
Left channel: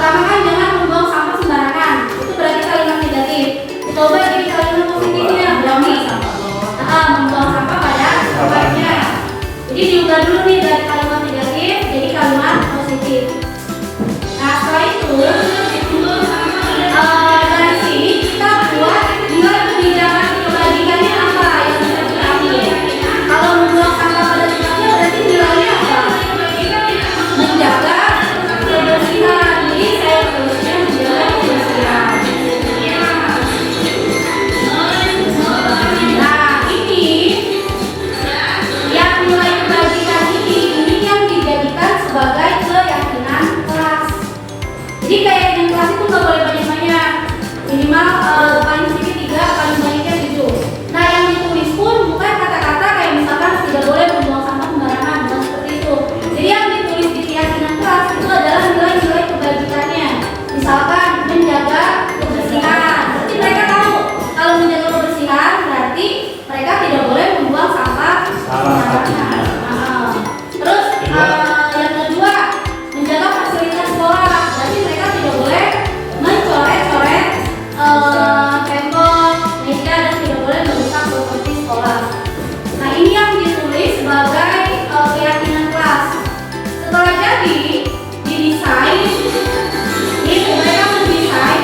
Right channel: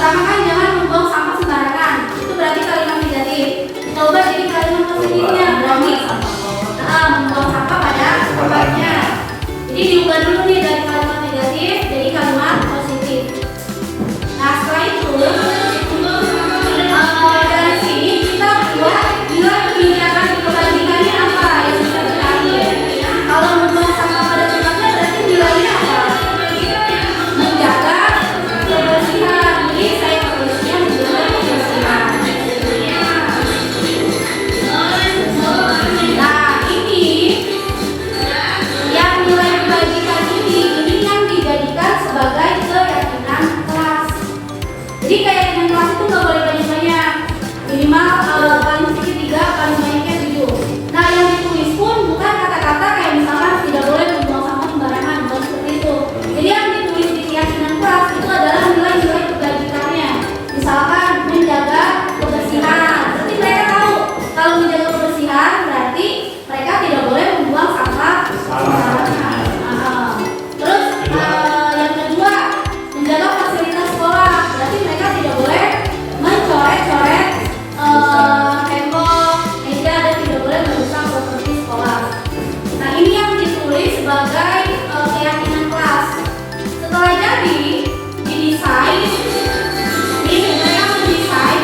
pertama kan jangan membuang sampah sembarangan. Itu berarti kalimat negatif. Coba jadi kalimat positifnya berani membuang sampah pada tempatnya. Jadi diubah dulu nih dari kalimat negatif jadi kalimat positif. Nah setelah itu dari sini kita buat nilai kebijakan kebajikannya apa yang bisa kita ambil. Kalau membuang sampah pada tempatnya berarti nilainya apa? Menjaga kebersihan. Jadi saya tulisnya menjaga kebersihan. Nah ini yang nilai kebajikan ini yang dijadikan sebagai keyakinan kelas. Jadi keyakinan kelas itu nggak boleh banyak-banyak, minimal paling sedikit 3, paling banyaknya 7. Nah yang ditulis pun bukan kata-kata kayak misalkan tidak boleh membuang sampah sembarangan, bukan seperti itu. Jadi yang ditulis di keyakinan kelas itu adalah nilai-nilai kebajikannya. Misalkan menjaga kebersihan, berarti mereka tahu kalau menjaga kebersihan berarti mereka tidak boleh membuang sampah sembarangan. Terus yang kedua menjaga fasilitas sekolah, berarti mereka tidak boleh mencoret-coret tembok, meja dan tidak boleh merusak properti sekolah. Nah ini yang ditulis sebagai keyakinan kelas. Setelah jadi didesain, ini mereka mendesain.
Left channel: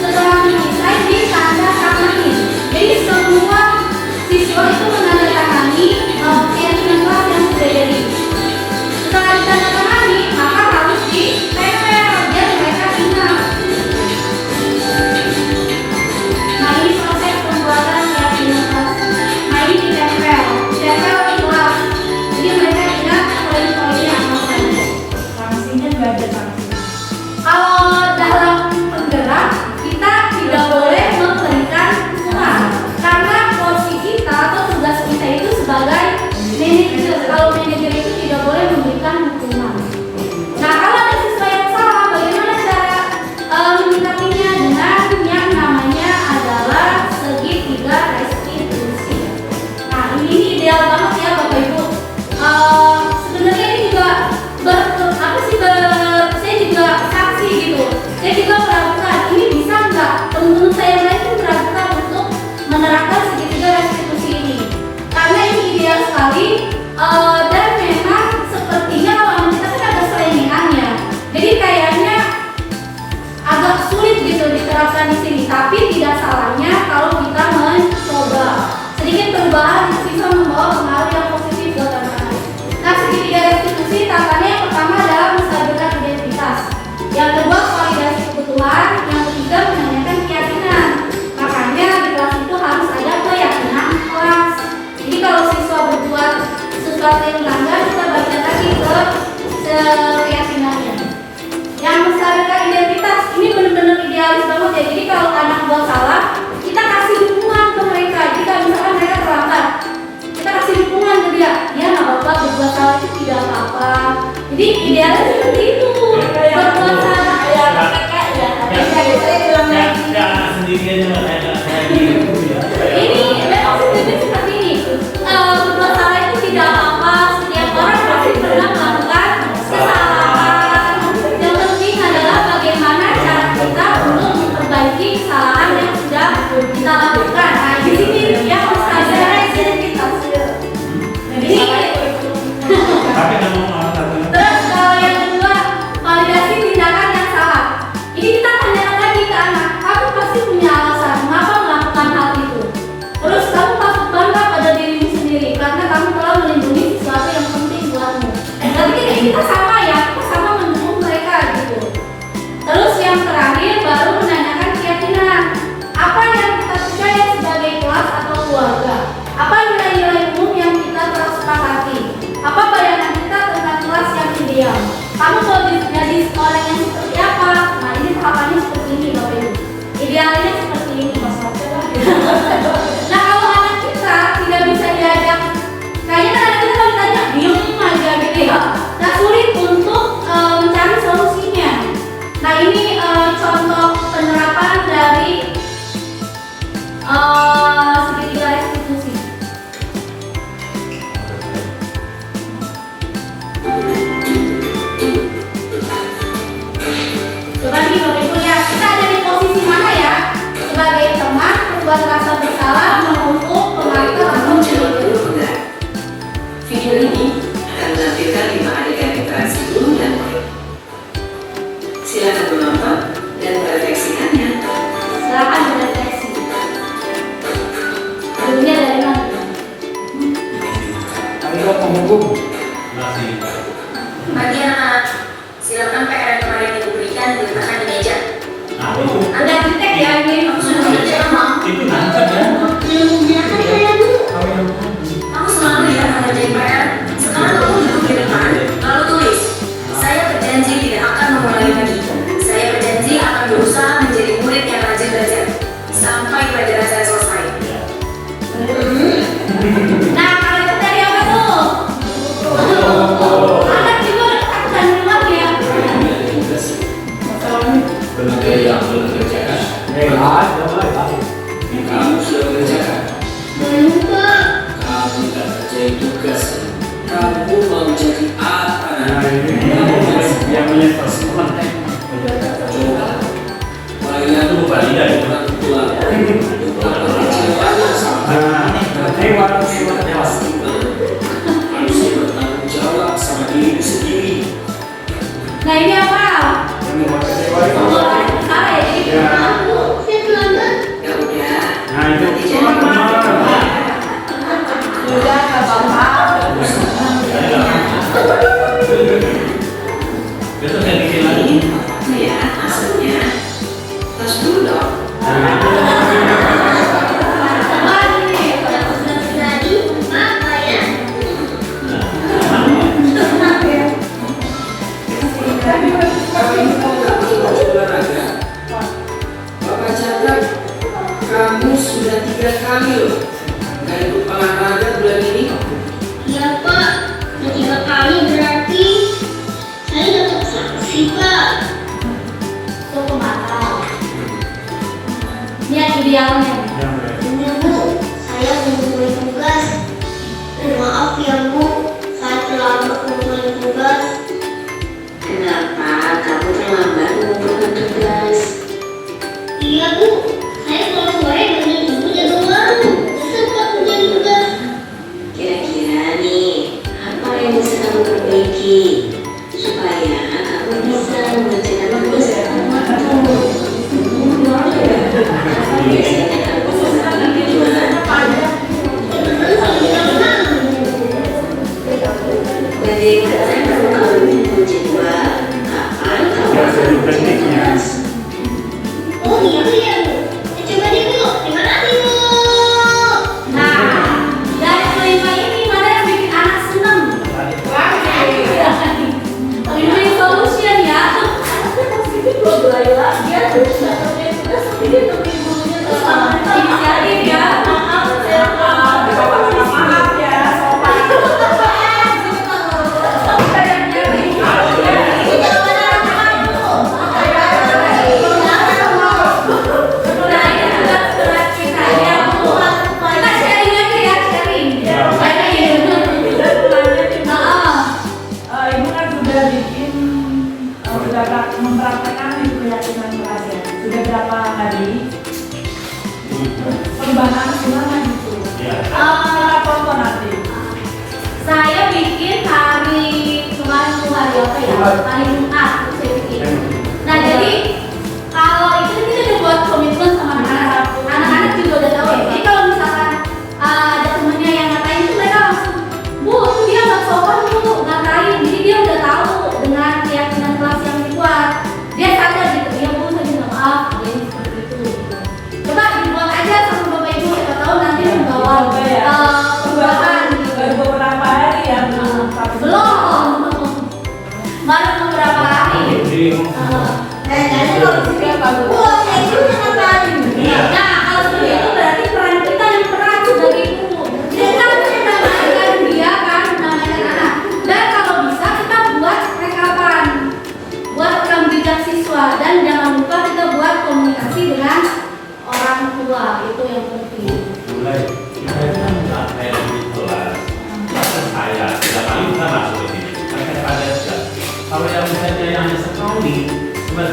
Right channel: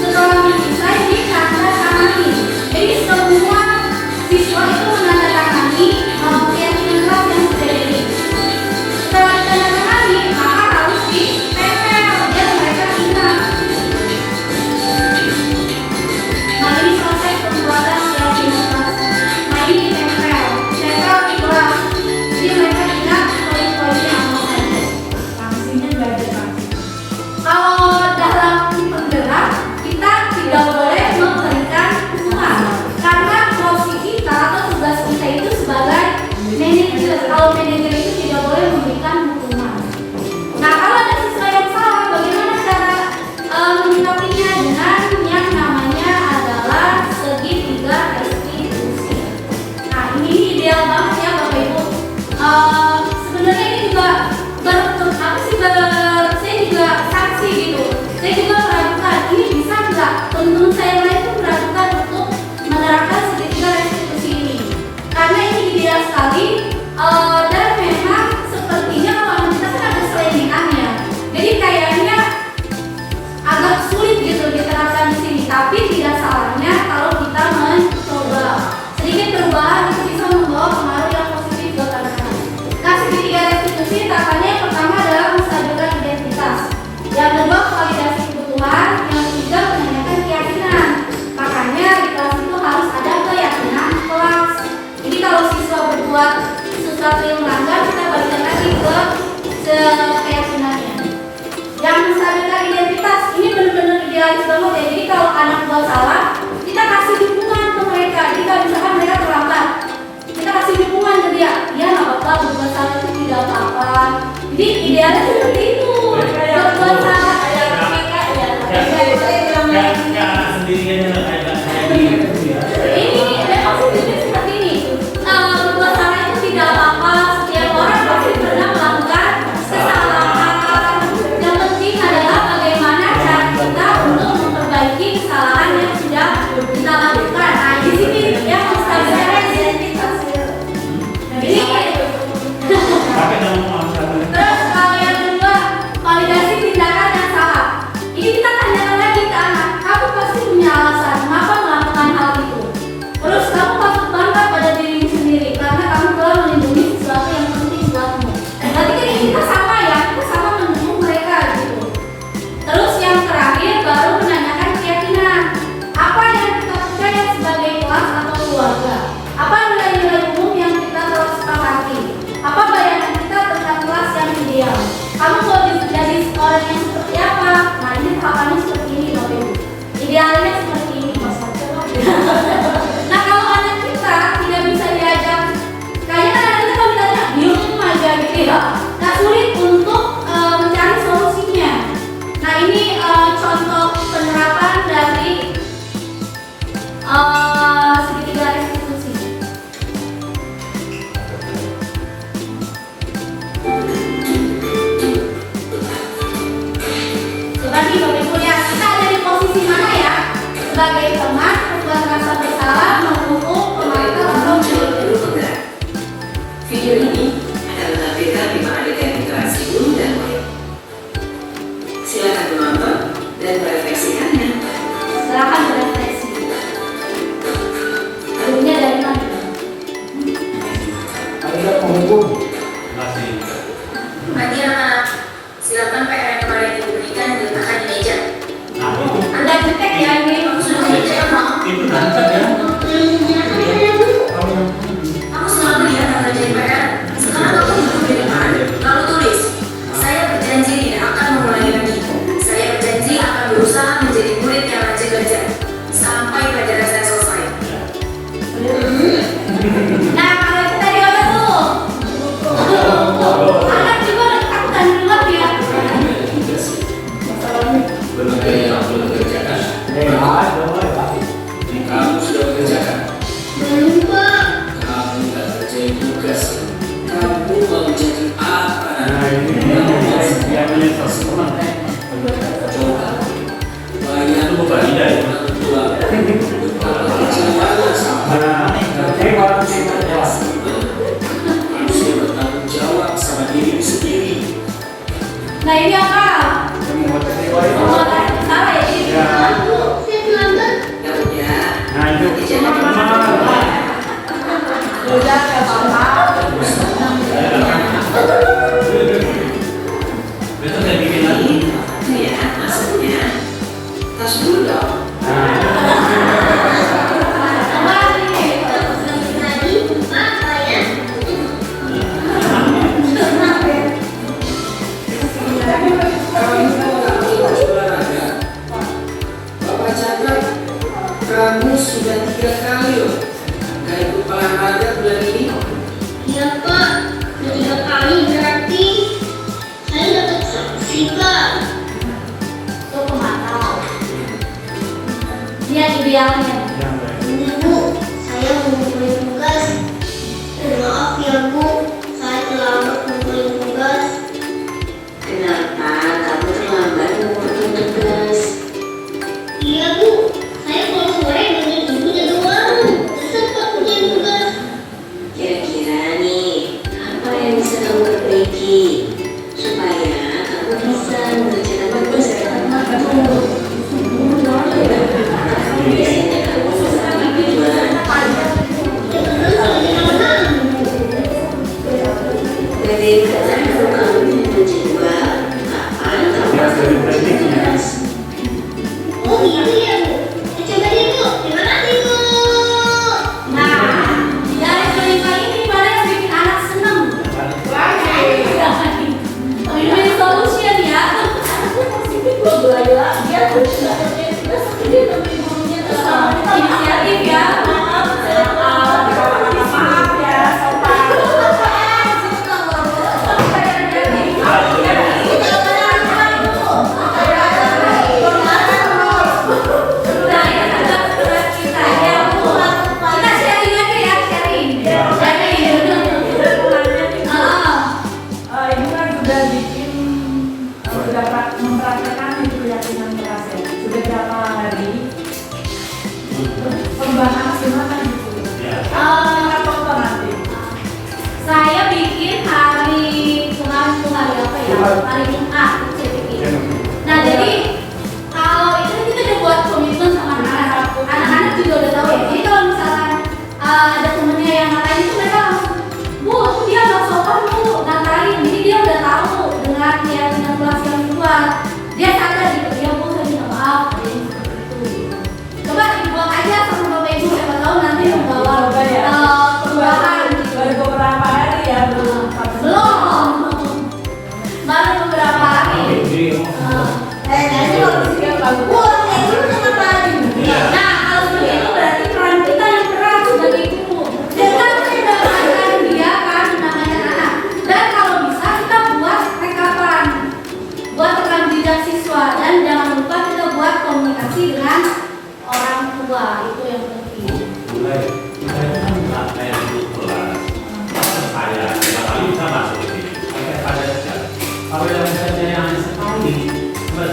Setelah mendesain ditandatangani. Jadi semua siswa itu menandatangani keyakinan kelas yang sudah jadi. Setelah ditandatangani maka harus ditempel biar mereka ingat. Nah ini proses pembuatan keyakinan kelas. Nah ini ditempel di kelas. Jadi mereka ingat poin-poin yang mau ada. Sanksinya nggak ada sanksi. Kalau dalam penggerak kita tidak boleh memberikan hukuman karena porsi kita atau tugas kita itu sebagai manajer. Kalau manajer itu tidak boleh memberikan hukuman. Nah kalau ada siswa yang salah, bagaimana cara menyikapinya? Dengan yang namanya adalah segitiga restitusi. Nah ini ideal banget ya Bapak Ibu. Sebenarnya ini juga saya juga saksi gitu. Saya juga meragukan ini bisa nggak? Teman-teman saya yang lain pun meragukan untuk menerapkan segitiga restitusi ini karena ini ideal sekali dan memang sepertinya kalau anak kita kan agak selengean ya. Jadi kayaknya agak sulit gitu diterapkan di sini. Tapi tidak salahnya kalau kita mencoba. Sedikit perubahan itu bisa membawa pengaruh yang positif buat anak-anak. Nah segitiga restitusi tahapannya yang pertama adalah menstabilkan identitas. Yang kedua validasi kebutuhan. Yang ketiga menanyakan keyakinan. Makanya di kelas itu harus ada keyakinan kelas. Jadi kalau siswa berbuat sesuatu yang melanggar kita baca lagi ke keyakinannya. Yang menstabilkan identitas ini benar-benar idealis banget ya. Jadi kalau anak buat salah kita kasih dukungan ke mereka. Jadi kalau misalkan mereka terlambat kita kasih dukungan ke dia. Ya nggak apa-apa, berbuat salah itu tidak apa-apa. Jadi idealnya seperti itu. Berbuat salah ini memang sebenarnya seperti ini. Berbuat salah itu tidak apa-apa. Setiap orang pasti pernah melakukan kesalahan. Yang penting adalah bagaimana cara kita untuk memperbaiki kesalahan yang sudah kita lakukan. Nah di sini yang menstabilkan identitas. Jadi terus kalau yang kedua validasi tindakan yang salah. Ini kita tanyakan lagi ke anak, kamu pasti punya alasan ini akan menampilkan 5 adegan interaksi guru dan murid. Silakan menonton dan merefleksikannya. Silakan berefleksi. Gurunya dari mana? Terima kasih. Bagi anak-anak, silakan PR yang kemarin diberikan diletakkan di meja. Nah, itu Ada detek ya ini sudah meja emang. itu nangkep ya. Aku selalu ya mengerjain PR. Sekarang aku duduk di depan, lalu tulis. Saya berjanji tidak akan mengulangi lagi. Saya berjanji akan berusaha menjadi murid yang rajin belajar sampai pelajaran saya selesai. Nah, kalau itu tadi apa tuh? Anak juga udah ketakutan dulu ya. Lembaga yang belum dikerjakan. Kamu sudah mengerjakan. Belum Pak. Kamu tidak kerjain tugas. Kamu mau jadi apa? Coba. Bayar lu bayar orang tua. Kalau kecewaannya sama. Harus bertanggung jawab sama diri sendiri. Nah, ini apa? Oh, salah ya ini. Saya terlambat. Ya udah, Nah, itu nanti jadi Udah apa-apa. besok saya bikin lagi. ya maksudnya. Tas dulu dong. Tadi apa ya? Kalau ini kan nggak harus olahraga. Bapak catat, kamu sudah 3 kali loh nggak ikut olahraga bulan ini. Iya Pak, udah 3 kali berarti saya dapat sanksi Pak. Tuh kemarau. Lihat idealnya. Ini Bu, saya mengumpulin tugas. Maaf ya Bu, saya terlambat mengumpulin tugas. Kenapa kamu terlambat mengumpulkan tugas? Iya Bu, saya kalau sore dengan Ibu jaga warung. Sempat mengumpulin tugas. Kira-kira nih, apa yang bisa kamu perbaiki supaya kamu bisa mengerjakan tugas dengan waktu? Biasanya kamu berbagi tujuan. Bagaimana kalau kamu menjadwal kapan kamu akan mengerjakan tugas? Oh iya Bu, coba deh Bu, terima kasih Bu. Nah, dari kelima ini mana yang bikin anak seneng? Win-win solution ya. Inisiatif ya. Ibu kan sudah bikin, sudah mempraktekkan itu keyakinan keras ya. Sudah berapa hari? Perubahan gimana gitu ya? Kita tonton nanti. Saya bikin hari kemarin tuh hari apa ya? Hari Jumat saya bikin. Nah jadi kalau itu kita udah buat komitmen sama anak-anak. Anak-anak juga udah tahu ya. Jadi kalau misalkan ada temennya yang ngatain itu mereka langsung, Bu, dia nggak sopan Bu, ngatain. Jadi dia udah tahu dengan keyakinan kelas yang dibuat. Dia sadar gitu, ya Bu, saya minta maaf. Ada yang seperti itu. Gitu. Coba dibuat aja sama Bapak Ibu, kita tahu nanti membawa Coba ya. perubahan gitu. Baru beberapa hari ya belum. Belum. Baru beberapa hari. Nah, kalau seperti itu berarti peran kita yang berat sebagai ibu. Kita harus menambahkan dia kan, menambahkan anak. Dan kalau bisa kita buat rekapan, buat rekam jejak siswa dan jangan lupa kita buat komunikasi dengan orang tua, itu yang penting. Mulai kita kan nggak kayak di kelas. Saya tiap kali kita masuk ke sini. Saya ada aja. Kalau yang misalnya yang sekali, cuma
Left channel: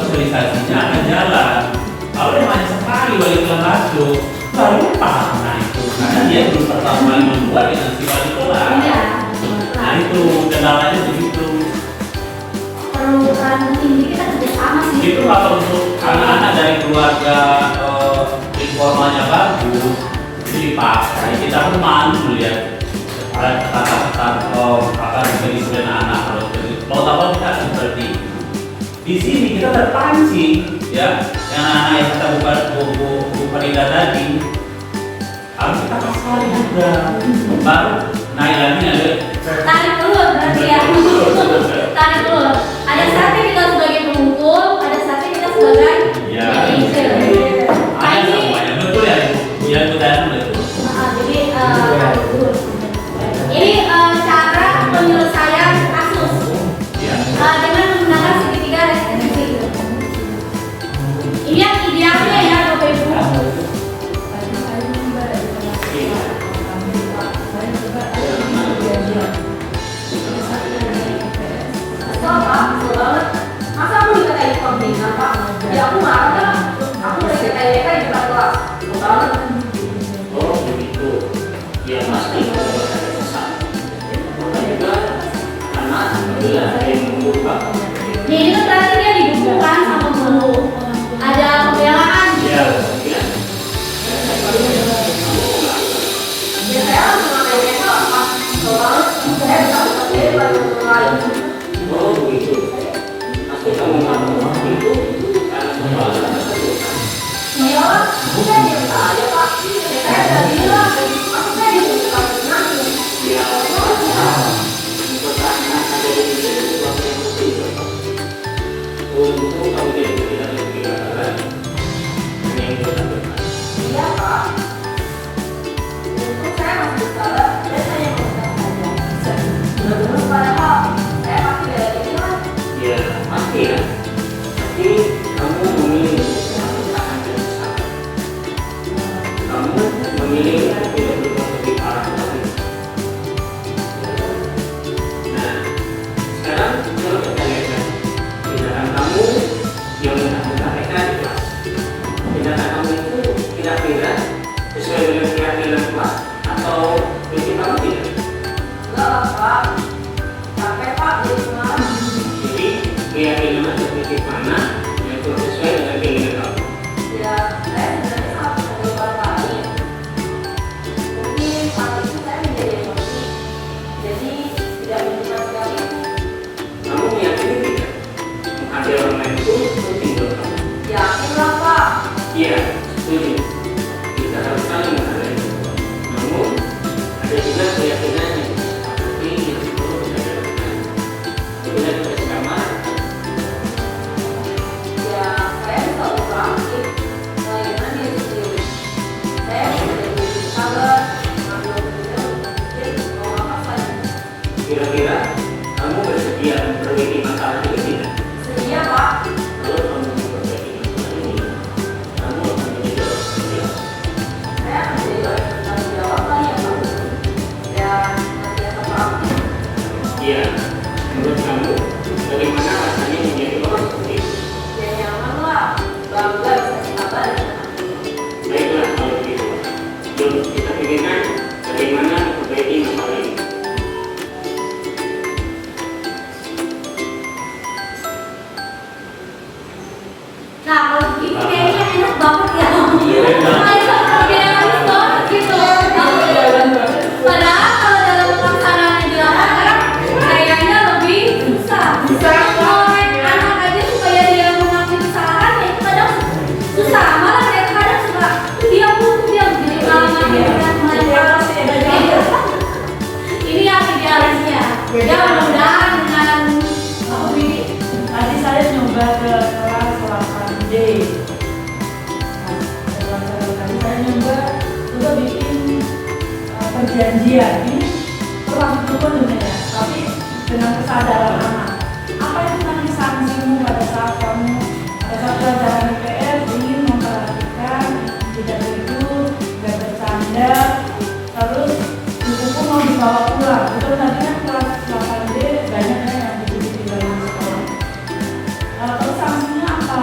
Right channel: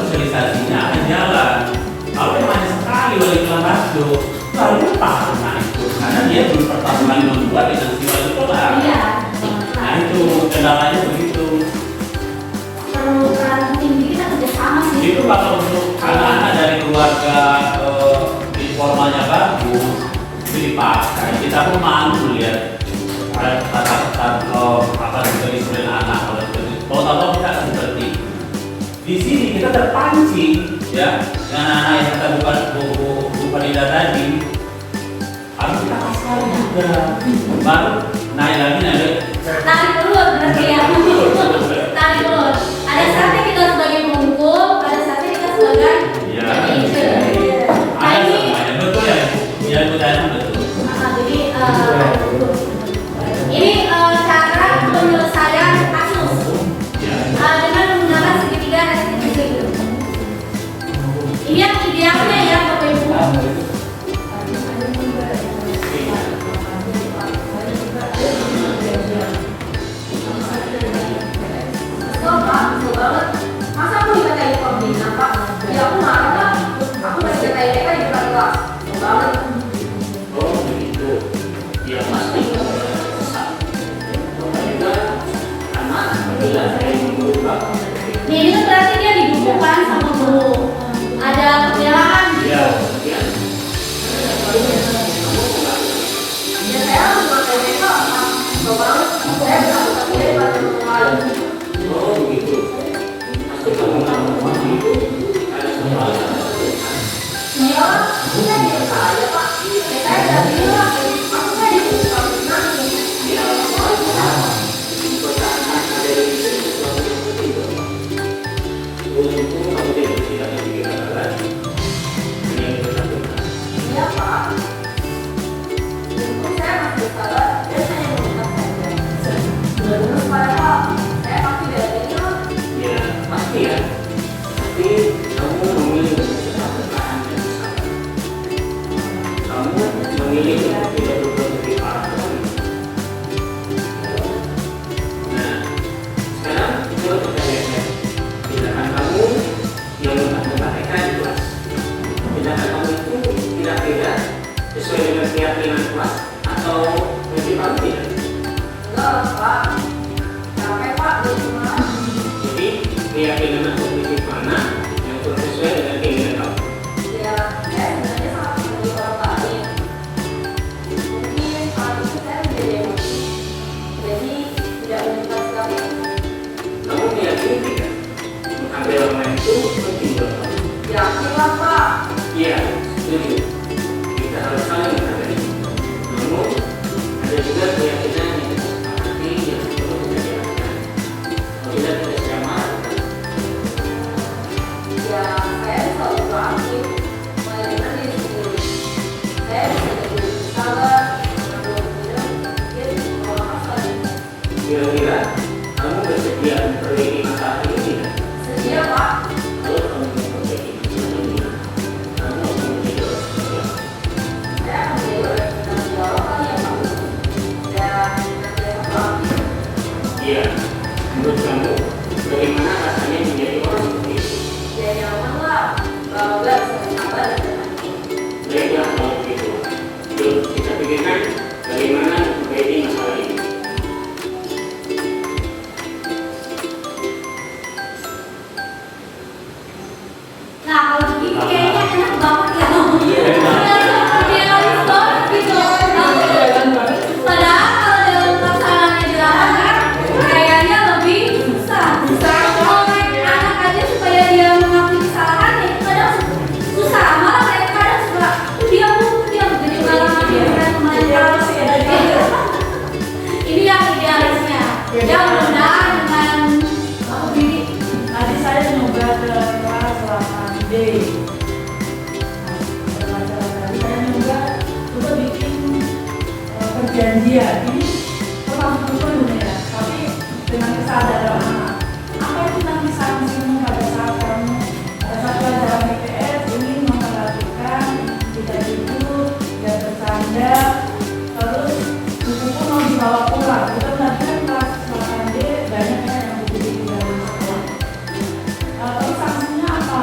sosialisasinya akan jalan. Kalau hanya sekali wali kelas masuk, baru lupa. Nah itu, karena dia belum pertama kali membuat instansi wali kelas. Iya. Nah itu kendalanya begitu. Perlu peran tinggi kita kerjasama sih. Itu kalau untuk anak-anak dari keluarga informalnya bagus, itu dipakai. Kita pun malu melihat kata-kata apa dari anak-anak. Kalau tahu kita seperti di sini kita terpancing, ya, yang anak-anak yang kita bukan tadi harus kita kasih juga. Baru naik lagi ada. Tarik ulur berarti ya. Tarik ulur. Ada saatnya kita sebagai pemukul, ada saatnya kita sebagai manajer. Nah ini betul ya, ya betul betul. jadi ini cara penyelesaian kasus dengan menggunakan segitiga restriksi. Ini yang idealnya ya Bapak Ibu. Masa aku dikatain konflik apa? Ya aku marah, aku masih dikatain mereka di depan kelas. Banget. Oh begitu. Ya pasti. Juga karena apabila saya berubah. Ya ini kan berarti dia didukungkan sama guru. Ada pembelaan gitu. Ya. Ya saya harus memakai mereka apa? Banget. Saya bisa bekerja di depan orang lain. Oh begitu. Tapi kamu itu karena semua Ya, saya biasa aja Pak. Ya saya udah bilang, aku saya dibuka menangis. ya untuk anak ada di sini sesuatu yang berbeda. Untuk kamu tidak berpikir lagi. Ini yang benar. Iya Pak. Untung saya masih salah, saya hanya mengucap saja. Terus padahal saya pasti bela diri lah. Ya pasti ya. Tapi kamu memilih untuk bertahan dan sabar. Kamu memilih untuk tidak berbuat lebih parah lagi. Nah, sekarang coba kita lihat tindakan kamu yang mempraktekkan di kelas. Tindakan kamu itu kira-kira sesuai dengan keyakinan kelas atau prinsipal tidak? Enggak Pak. Capek Pak di rumah. Jadi keyakinan atau prinsip mana yang kurang sesuai dengan keinginan kamu? Ya, saya sebenarnya sangat setuju orang lain. Mungkin saat itu saya menjadi emosi. Jadi tidak menyimpan sikap itu. Kamu meyakini tidak? Menghargai orang lain itu penting buat kamu. Yakin lah Pak. Iya, setuju. Kita harus saling menghargai. Namun, ada juga keyakinan yang tidak sepakati yang perlu kita jalankan. Apabila kita sedang marah, Ya, saya selalu proaktif melayanan diri sendiri. Saya menjadi sabar, mengambil keputusan, berpikir, mewakafkan. kira-kira kamu bersedia memperbaiki masalah itu tidak? Sedia Pak. Kalau kamu memperbaiki masalah ini, kamu akan menjadi orang setia. Saya akan menjadi orang yang bertanggung jawab kali ya Pak. Dan senantiasa proaktif. Iya, menurut kamu, bagaimana rasanya menjadi orang seperti itu? Ya nyaman lah. Bangga bisa sabar dan hati. Baiklah kalau begitu. Yuk kita pikirkan bagaimana memperbaiki masalah ini. Nah kalau begitu kayaknya enak banget ya. Idealis banget gitu. Padahal kalau dalam pelaksanaannya di lapangan kayaknya lebih susah. Ngomongin anak aja supaya dia mengakui kesalahannya itu kadang susah. Malah mereka kadang suka diam jadi pengalaman dia udah melempar. Ini yang idealisnya. Ya mudah-mudahan dengan apa Bidi? Tadi saya nyoba ke kelas 8D. Nah, tadi saya nyoba untuk bikin perjanjian. Ini kurang penuh ya, tapi dengan kesadaran anak. Apa itu nanti sanksimu pada saat kamu pada saat pelajaran IPS ingin memperhatikan tidak tidur, tidak bercanda, terus buku pun mau dibawa pulang. Itu nanti kan kelas 8D banyak yang begitu di dalam sekolah. Terus sanksinya apa?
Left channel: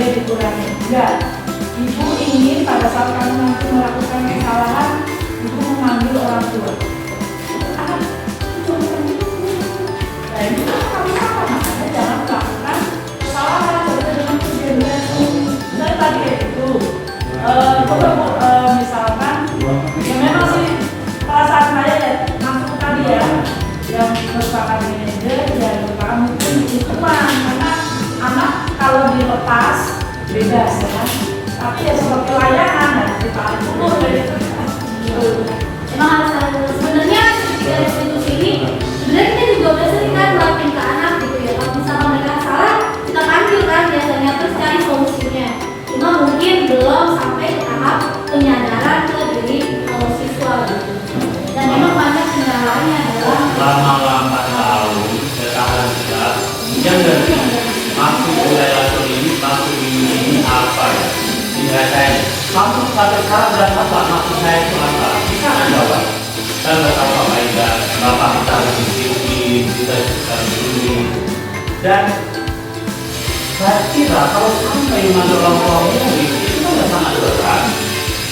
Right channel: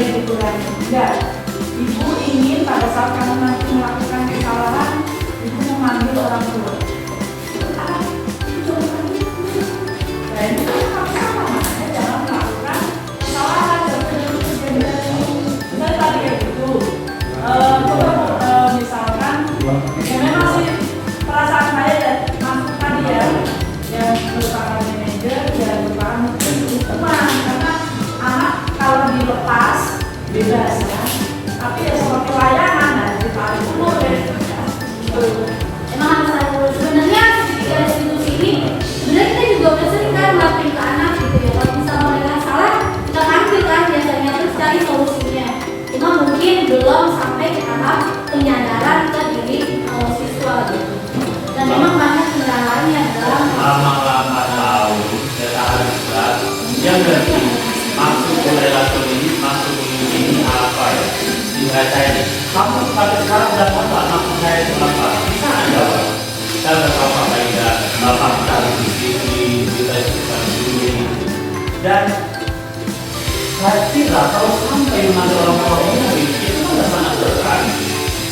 dia dikurangi. Enggak. Ibu ingin pada saat kamu nanti melakukan kesalahan, ibu memanggil orang tua. Dan itu kamu salah, makanya jangan melakukan kesalahan dengan kejadian dan tadi itu. Misalkan, ya memang sih perasaan saya ya, masuk tadi ya, yang merupakan manajer, ya merupakan mungkin itu mah, karena anak kalau dilepas beda ya. Tapi ya seperti layangan, ya ditarik dulu dari Emang harus sebenarnya ketika institusi ini sebenarnya kita juga udah sering kan ngelakuin ke anak gitu ya. Kalau misalnya mereka salah, kita panggil kan biasanya terus cari solusinya. Cuma mungkin belum sampai ke tahap penyadaran ke diri siswa gitu. Dan memang banyak kendalanya adalah Malam-malam tahu sekarang juga yang dari maksud perilaku ini, maksud ini apa ya? Dibacanya. Kamu pada sekarang dan apa maksud saya itu apa? Bisa nggak jawab? Saya nggak tahu apa itu. Bapak kita di sini, kita dulu. Dan saya kira kalau sampai mengambil orang tua ini itu kan sangat berat.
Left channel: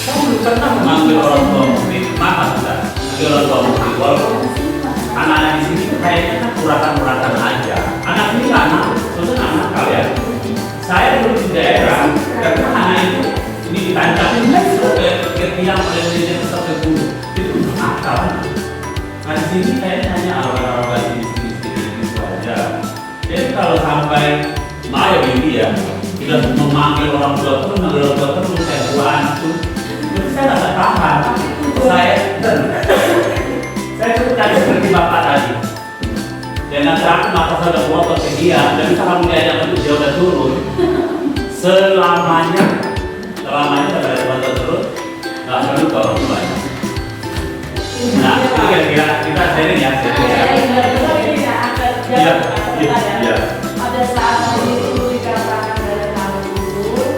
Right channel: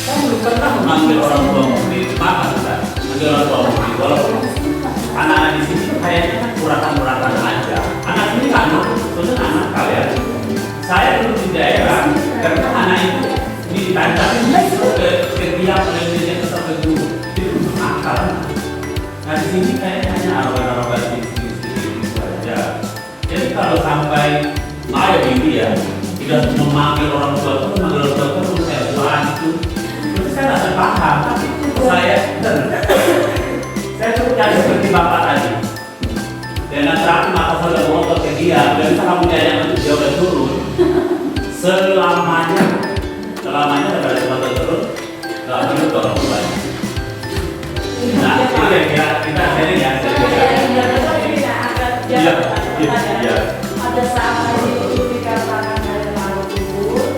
Saya belum pernah mengambil orang tua di mana kita mengambil orang tua di walaupun anak-anak di sini kayaknya kan kuratan-kuratan aja. Anak ini anak, sebenarnya anak kalian. Saya dulu di daerah, karena anak itu ini dikandang, itu ke tiang itu sampai dulu, itu akal. Nah di sini kayaknya hanya orang-orang di sini itu aja. Jadi kalau sampai Maya ini ya, tidak memanggil orang tua itu, memanggil orang tua itu kayak buan itu saya rasa paham. Saya tadi seperti bapak tadi. Dan nanti aku maka saya udah ngotot ke dia, dan bisa kamu diajak untuk dia udah turun. Selamanya pada cuma turun, nggak perlu ke orang tuanya. Nah, itu kira-kira kita sharing ya. Iya. Pada saat itu dikatakan dari malu ibu,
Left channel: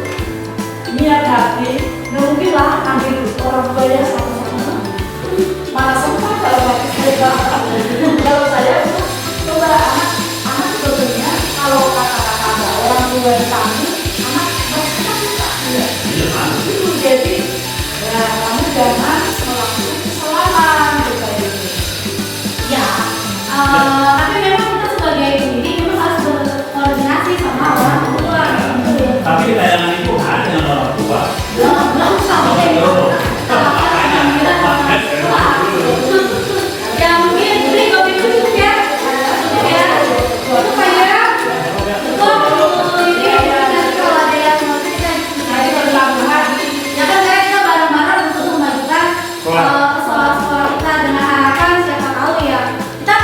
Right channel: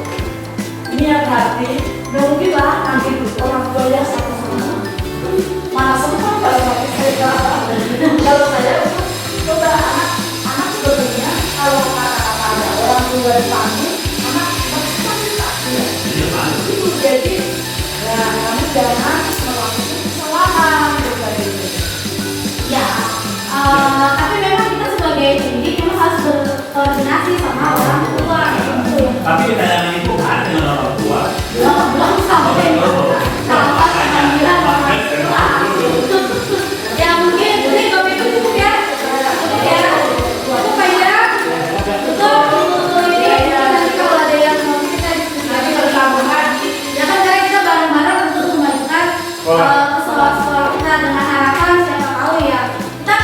niat hati, nggak mungkin lah ambil orang tuanya sama-sama. Malah sempat kalau hati saya kalau saya itu coba anak sebetulnya kalau kata-kata ada orang tua di samping, anak berkata itu jadi ya kamu jangan melakukan kesalahan gitu. ya. Tapi memang kita sebagai pendidik memang harus berkoordinasi sama orang tua. Gitu ya. Tapi kita yang itu ada dengan orang tua. Belum sampai ya mungkin ini kopi dulu ya. Supaya betul ini nanti kalau ada yang mau kita diskusi bersama. Ya kan kita bareng-bareng untuk memajukan sekolah kita dengan harapan siapa tahu ya kita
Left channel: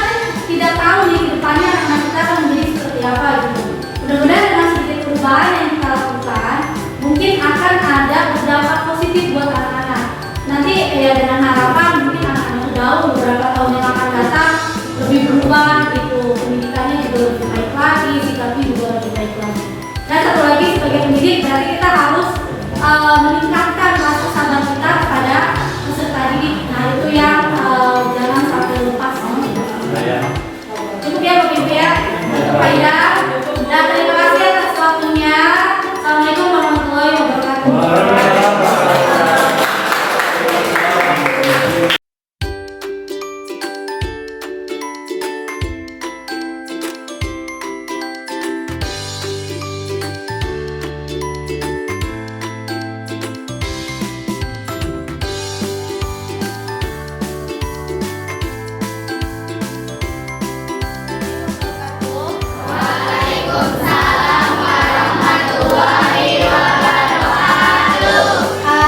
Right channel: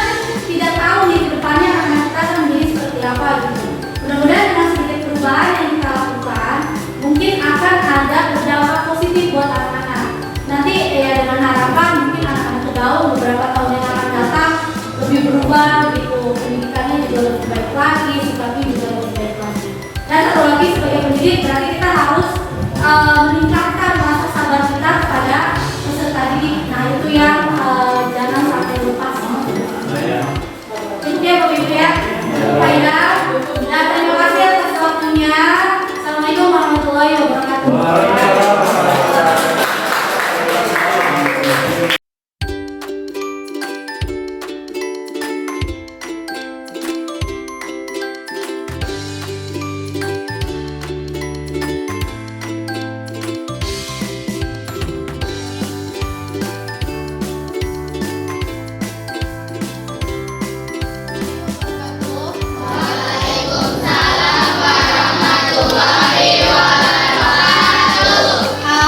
tidak tahu nih ke depannya anak kita akan menjadi seperti apa gitu. Mudah-mudahan dengan sedikit perubahan yang kita lakukan mungkin akan ada berdampak positif buat anak-anak. Nanti ya dengan harapan mungkin anak-anak itu jauh beberapa tahun yang akan datang lebih berubah gitu, pendidikannya juga lebih baik lagi, sikapnya juga lebih baik lagi. Dan satu lagi sebagai pendidik berarti kita harus meningkatkan rasa sabar kita kepada peserta didik. Nah itu yang jangan sampai lupa. Cukup ya Bapak Ibu ya, Pak Ida. Dan terima kasih atas waktunya. Assalamualaikum warahmatullahi wabarakatuh.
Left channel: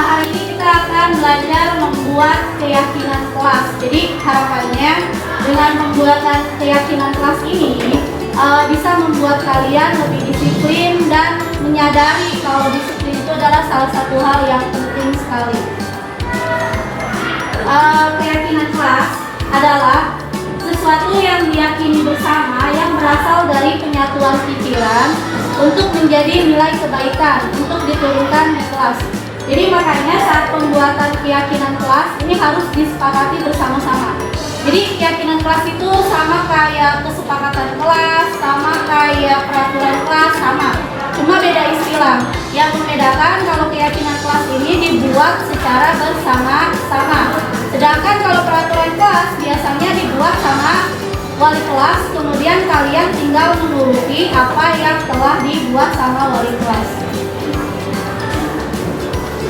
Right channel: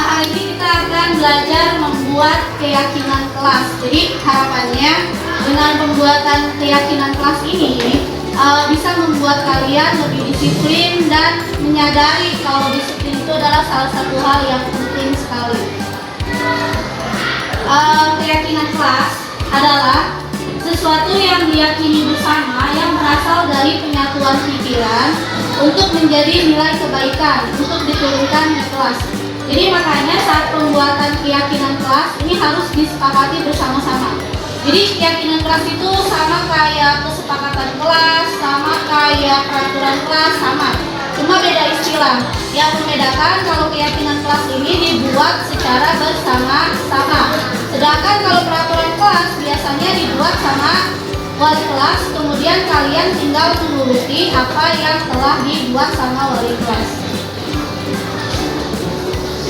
Hari ini kita akan belajar membuat keyakinan kelas. Jadi harapannya dengan pembuatan keyakinan kelas ini bisa membuat kalian lebih disiplin dan menyadari kalau disiplin itu adalah salah satu hal yang penting sekali. Keyakinan kelas adalah sesuatu yang diyakini bersama yang berasal dari penyatuan pikiran untuk menjadi nilai kebaikan untuk diturunkan di kelas. Jadi makanya saat pembuatan keyakinan kelas ini harus disepakati bersama-sama. Jadi keyakinan kelas itu sama kayak kesepakatan kelas, sama kayak peraturan kelas, sama. Cuma beda istilah. ulang. Yang membedakan kalau keyakinan kelas ini dibuat secara bersama-sama. Sedangkan kalau peraturan kelas biasanya dibuat sama wali kelas, kemudian kalian tinggal menuruti apa yang telah dibuat sama wali kelas.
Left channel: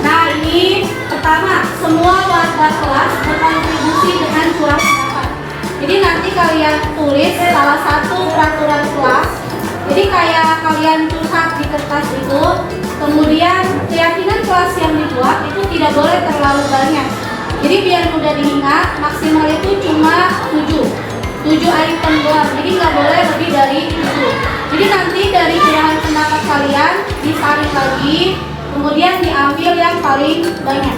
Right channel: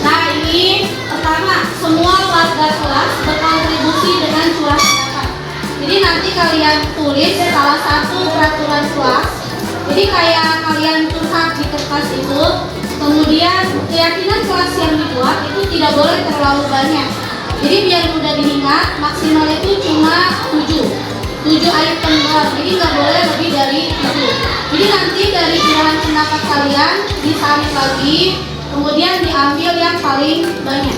Nah, ini pertama, semua warga kelas berkontribusi dengan surat pendapat. Jadi nanti kalian tulis salah satu peraturan kelas. Jadi kayak kalian curhat di kertas itu, kemudian keyakinan kelas yang dibuat itu tidak boleh terlalu banyak. Jadi biar mudah diingat, maksimal itu cuma 7 item doang. Jadi nggak boleh lebih dari 7. Jadi nanti dari curahan pendapat kalian disaring lagi, kemudian diambil yang paling banyak.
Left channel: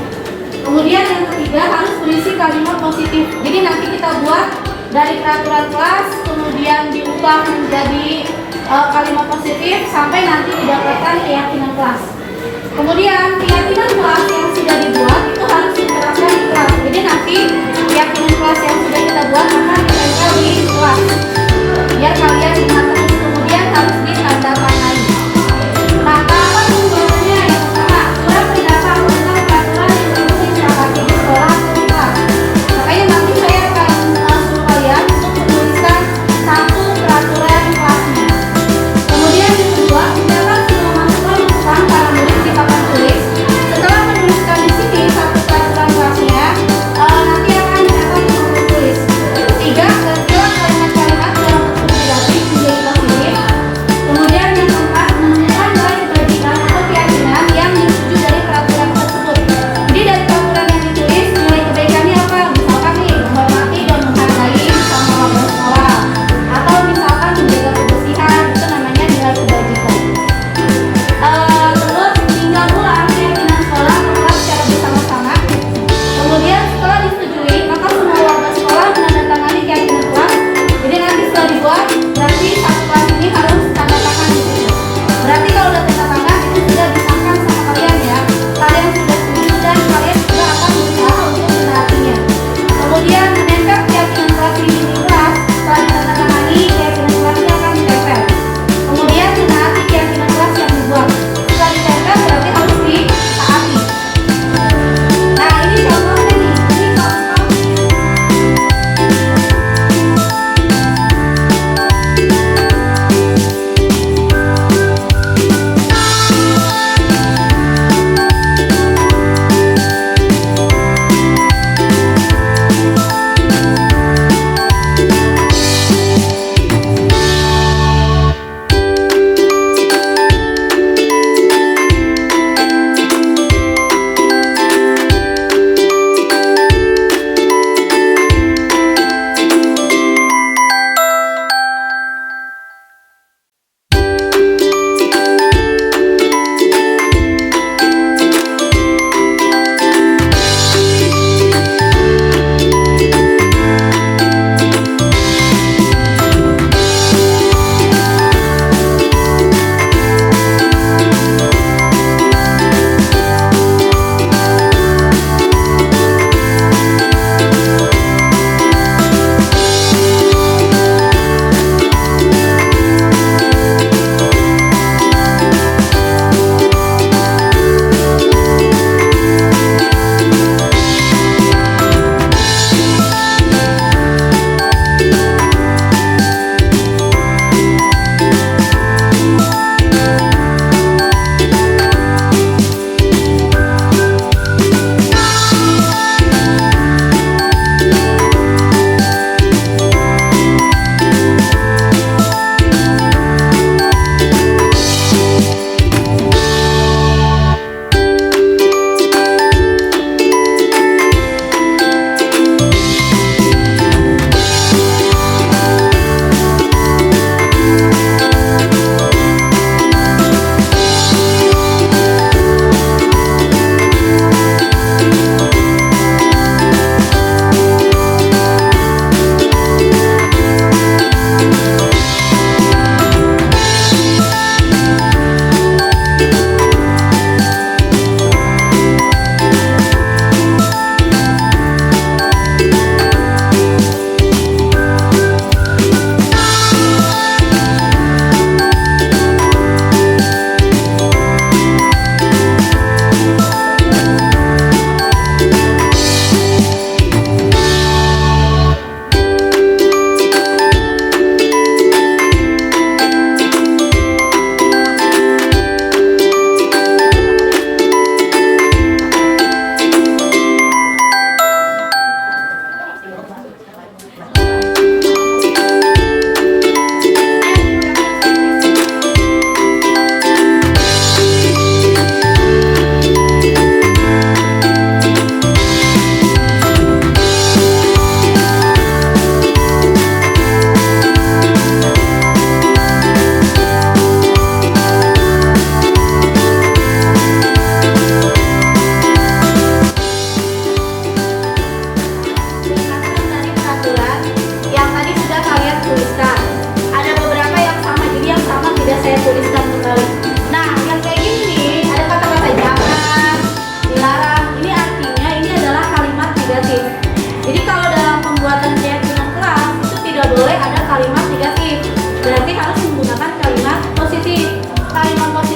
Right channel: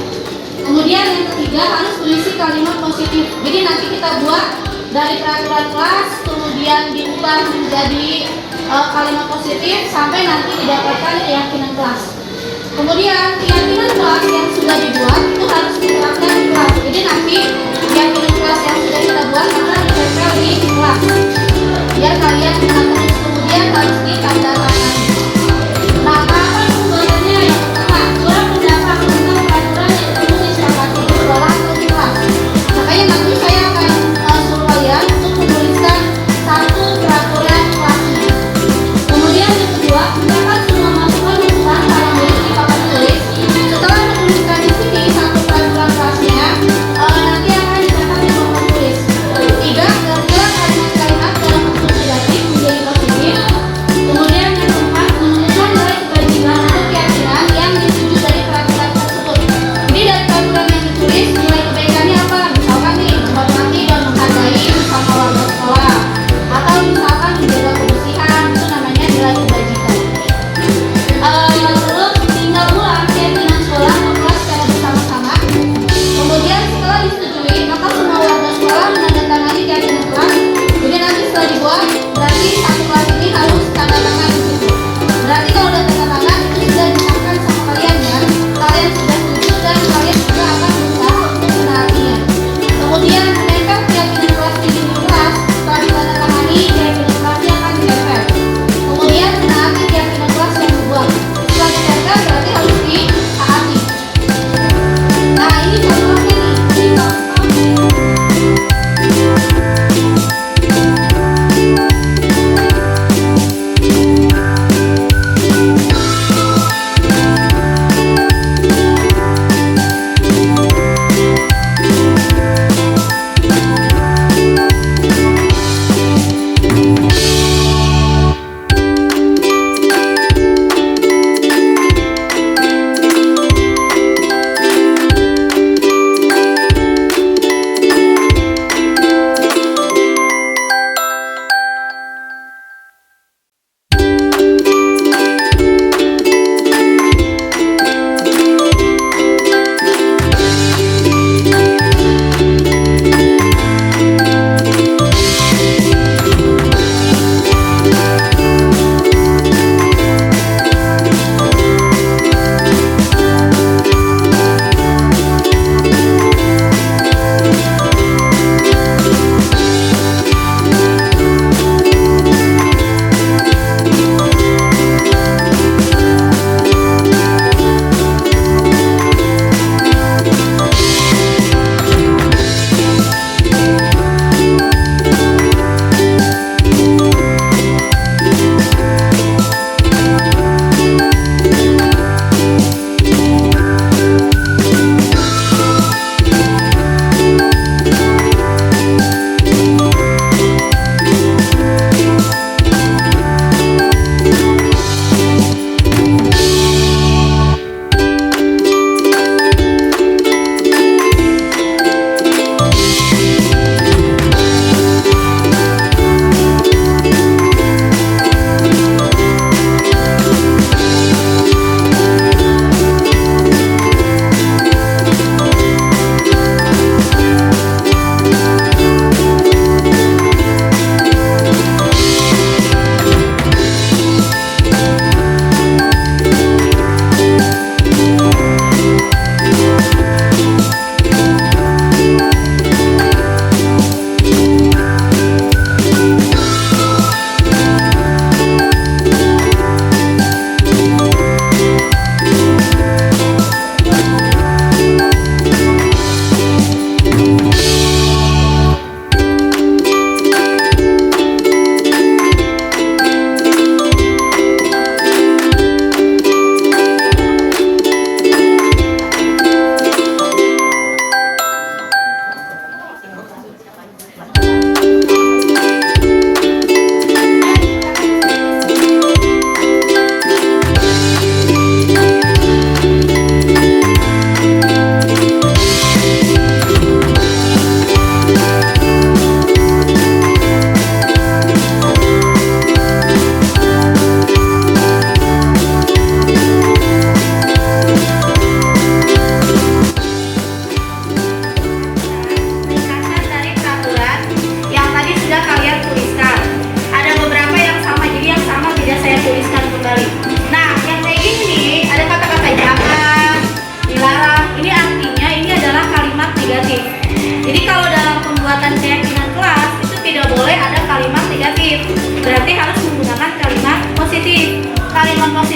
Kemudian yang ketiga harus berisi kalimat positif. Jadi nanti kita buat dari peraturan kelas, kemudian diubah menjadi kalimat positif sampai nanti didapatkan keyakinan kelas. Kemudian keyakinan kelas yang sudah dibuat itu harus diterapkan di kelas. Jadi nanti keyakinan kelas yang sudah kita buat akan ditempel di kelas. Biar kalian ingat terus. Kemudian harus ditandatangani. Nah, tahapan pembuatannya yang pertama, surat pendapat tentang peraturan yang perlu disepakati di sekolah atau di kelas. Makanya nanti saya akan suruh kalian untuk menuliskan satu peraturan kelasnya. Kemudian yang kedua, mencatat semua masukan para murid di papan tulis. Setelah menuliskan di sini satu peraturan kelasnya, nanti akan dicatat di papan tulis. Ketiga, gantilah kalimat-kalimat dalam bentuk negatif menjadi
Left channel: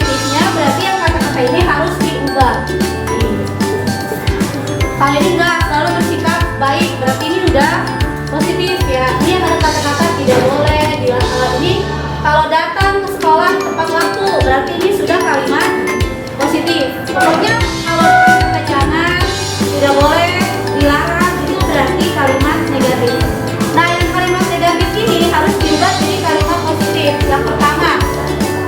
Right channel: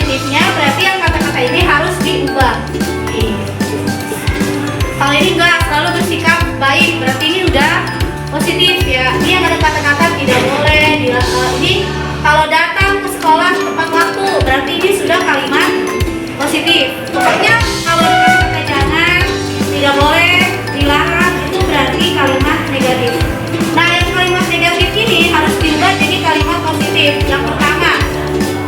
positifnya berarti yang kata-kata ini harus diubah. Kalau ini enggak, selalu bersikap baik, berarti ini udah positif ya. Ini yang ada kata-kata tidak boleh, ini kalau datang ke sekolah tepat waktu, berarti ini sudah kalimat positif. Pokoknya kalau kata jangan, tidak boleh, dilarang, itu berarti kalimat negatif. Nah, yang kalimat negatif ini harus diubah jadi kalimat positif. Yang pertama,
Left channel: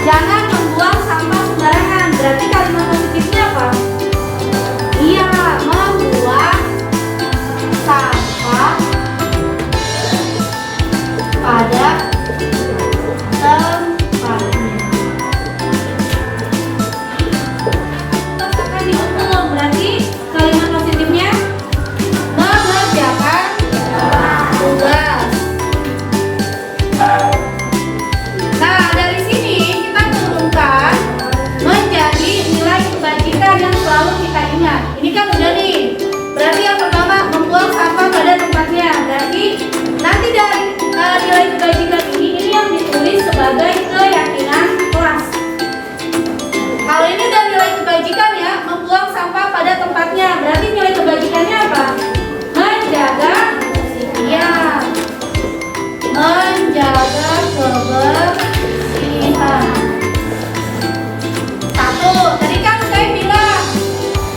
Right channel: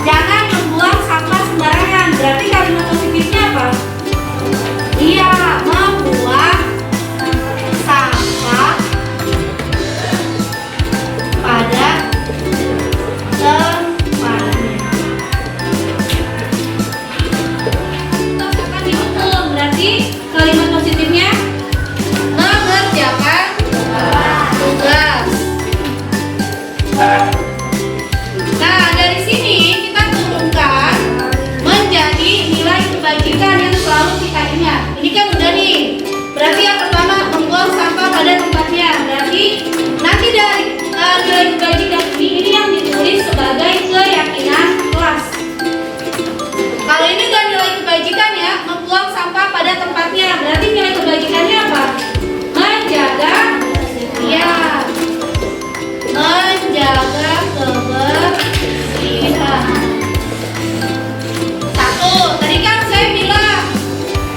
jangan membuang sampah sembarangan. Berarti kalimat positifnya apa? Iya, membuang sampah pada tempatnya. Terus akan dihukum. Berarti kalimat positifnya mengerjakan tugas. Nah, dari sini kita turunkan menjadi nilai kebajikan yang selalu kita ingat. Ini kan udah nih. Berarti yang pertama membuang sampah pada tempatnya. Berarti nanti dari nilai kebajikan ini yang ditulis sebagai keyakinan kelas. Kalau ini udah nilai kebajikan ya, membuang sampah pada tempatnya. Berarti nilai kebajikannya apa? Menjaga, ya, menjaga kebersihan. Satu, tadi kan saya bilang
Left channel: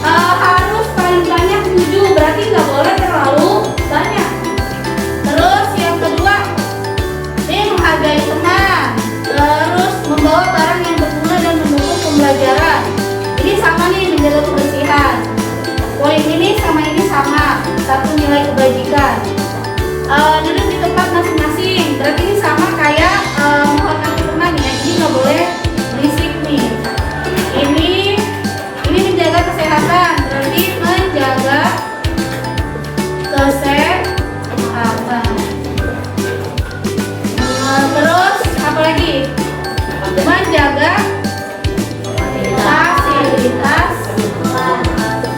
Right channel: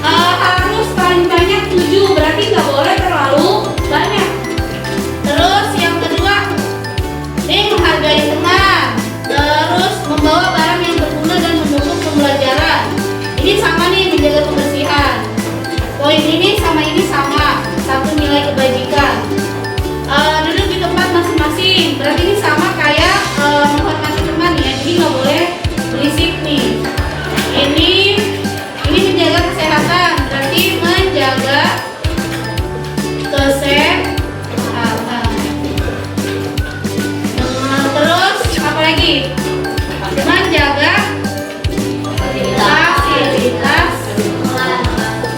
harus paling banyak 7, berarti nggak boleh terlalu banyak. Terus yang kedua, ini menghargai teman. Terus membawa barang yang berguna dan mendukung pembelajaran. Ini sama nih, menjaga kebersihan. Poin ini sama, satu nilai kebajikan. Duduk di tempat masing-masing, berarti ini sama kayak menghormati teman ya, jadi nggak boleh berisik nih. Ini menjaga kesehatan, berarti menjaga kesehatan. Terus apa lagi? Menjaga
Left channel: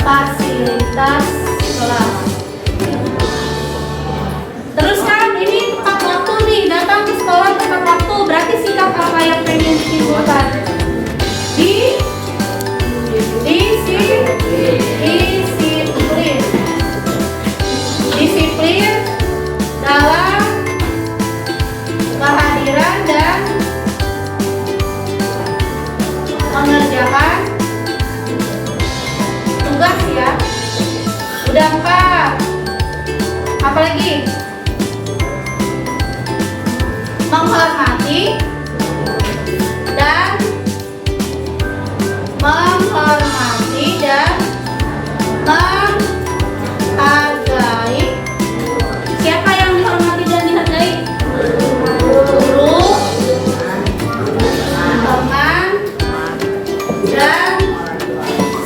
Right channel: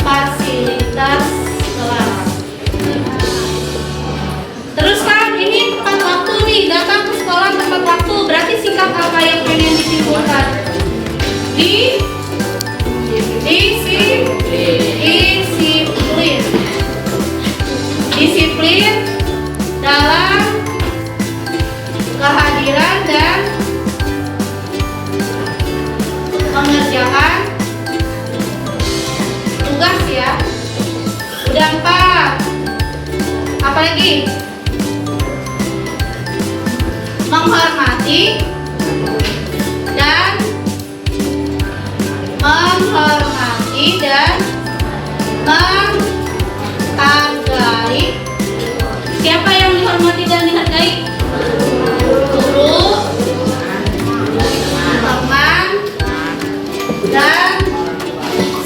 fasilitas kelas. Terus kan ini tepat waktu nih, datang ke sekolah tepat waktu, berarti sikap apa yang pengen ditimbulkan? Disiplin dalam kehadiran dan mengerjakan tugas ya. Udah 4. Apalagi? Menghormati dan menghargai. Siapa yang dihormati dan dihargai? Guru, teman, dan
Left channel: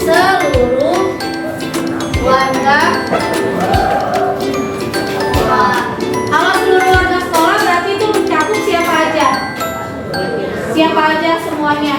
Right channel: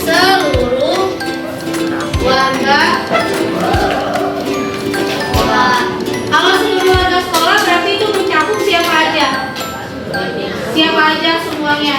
seluruh warga. Kalau seluruh warga sekolah berarti itu mencakup siapa aja? Siapa aja semuanya?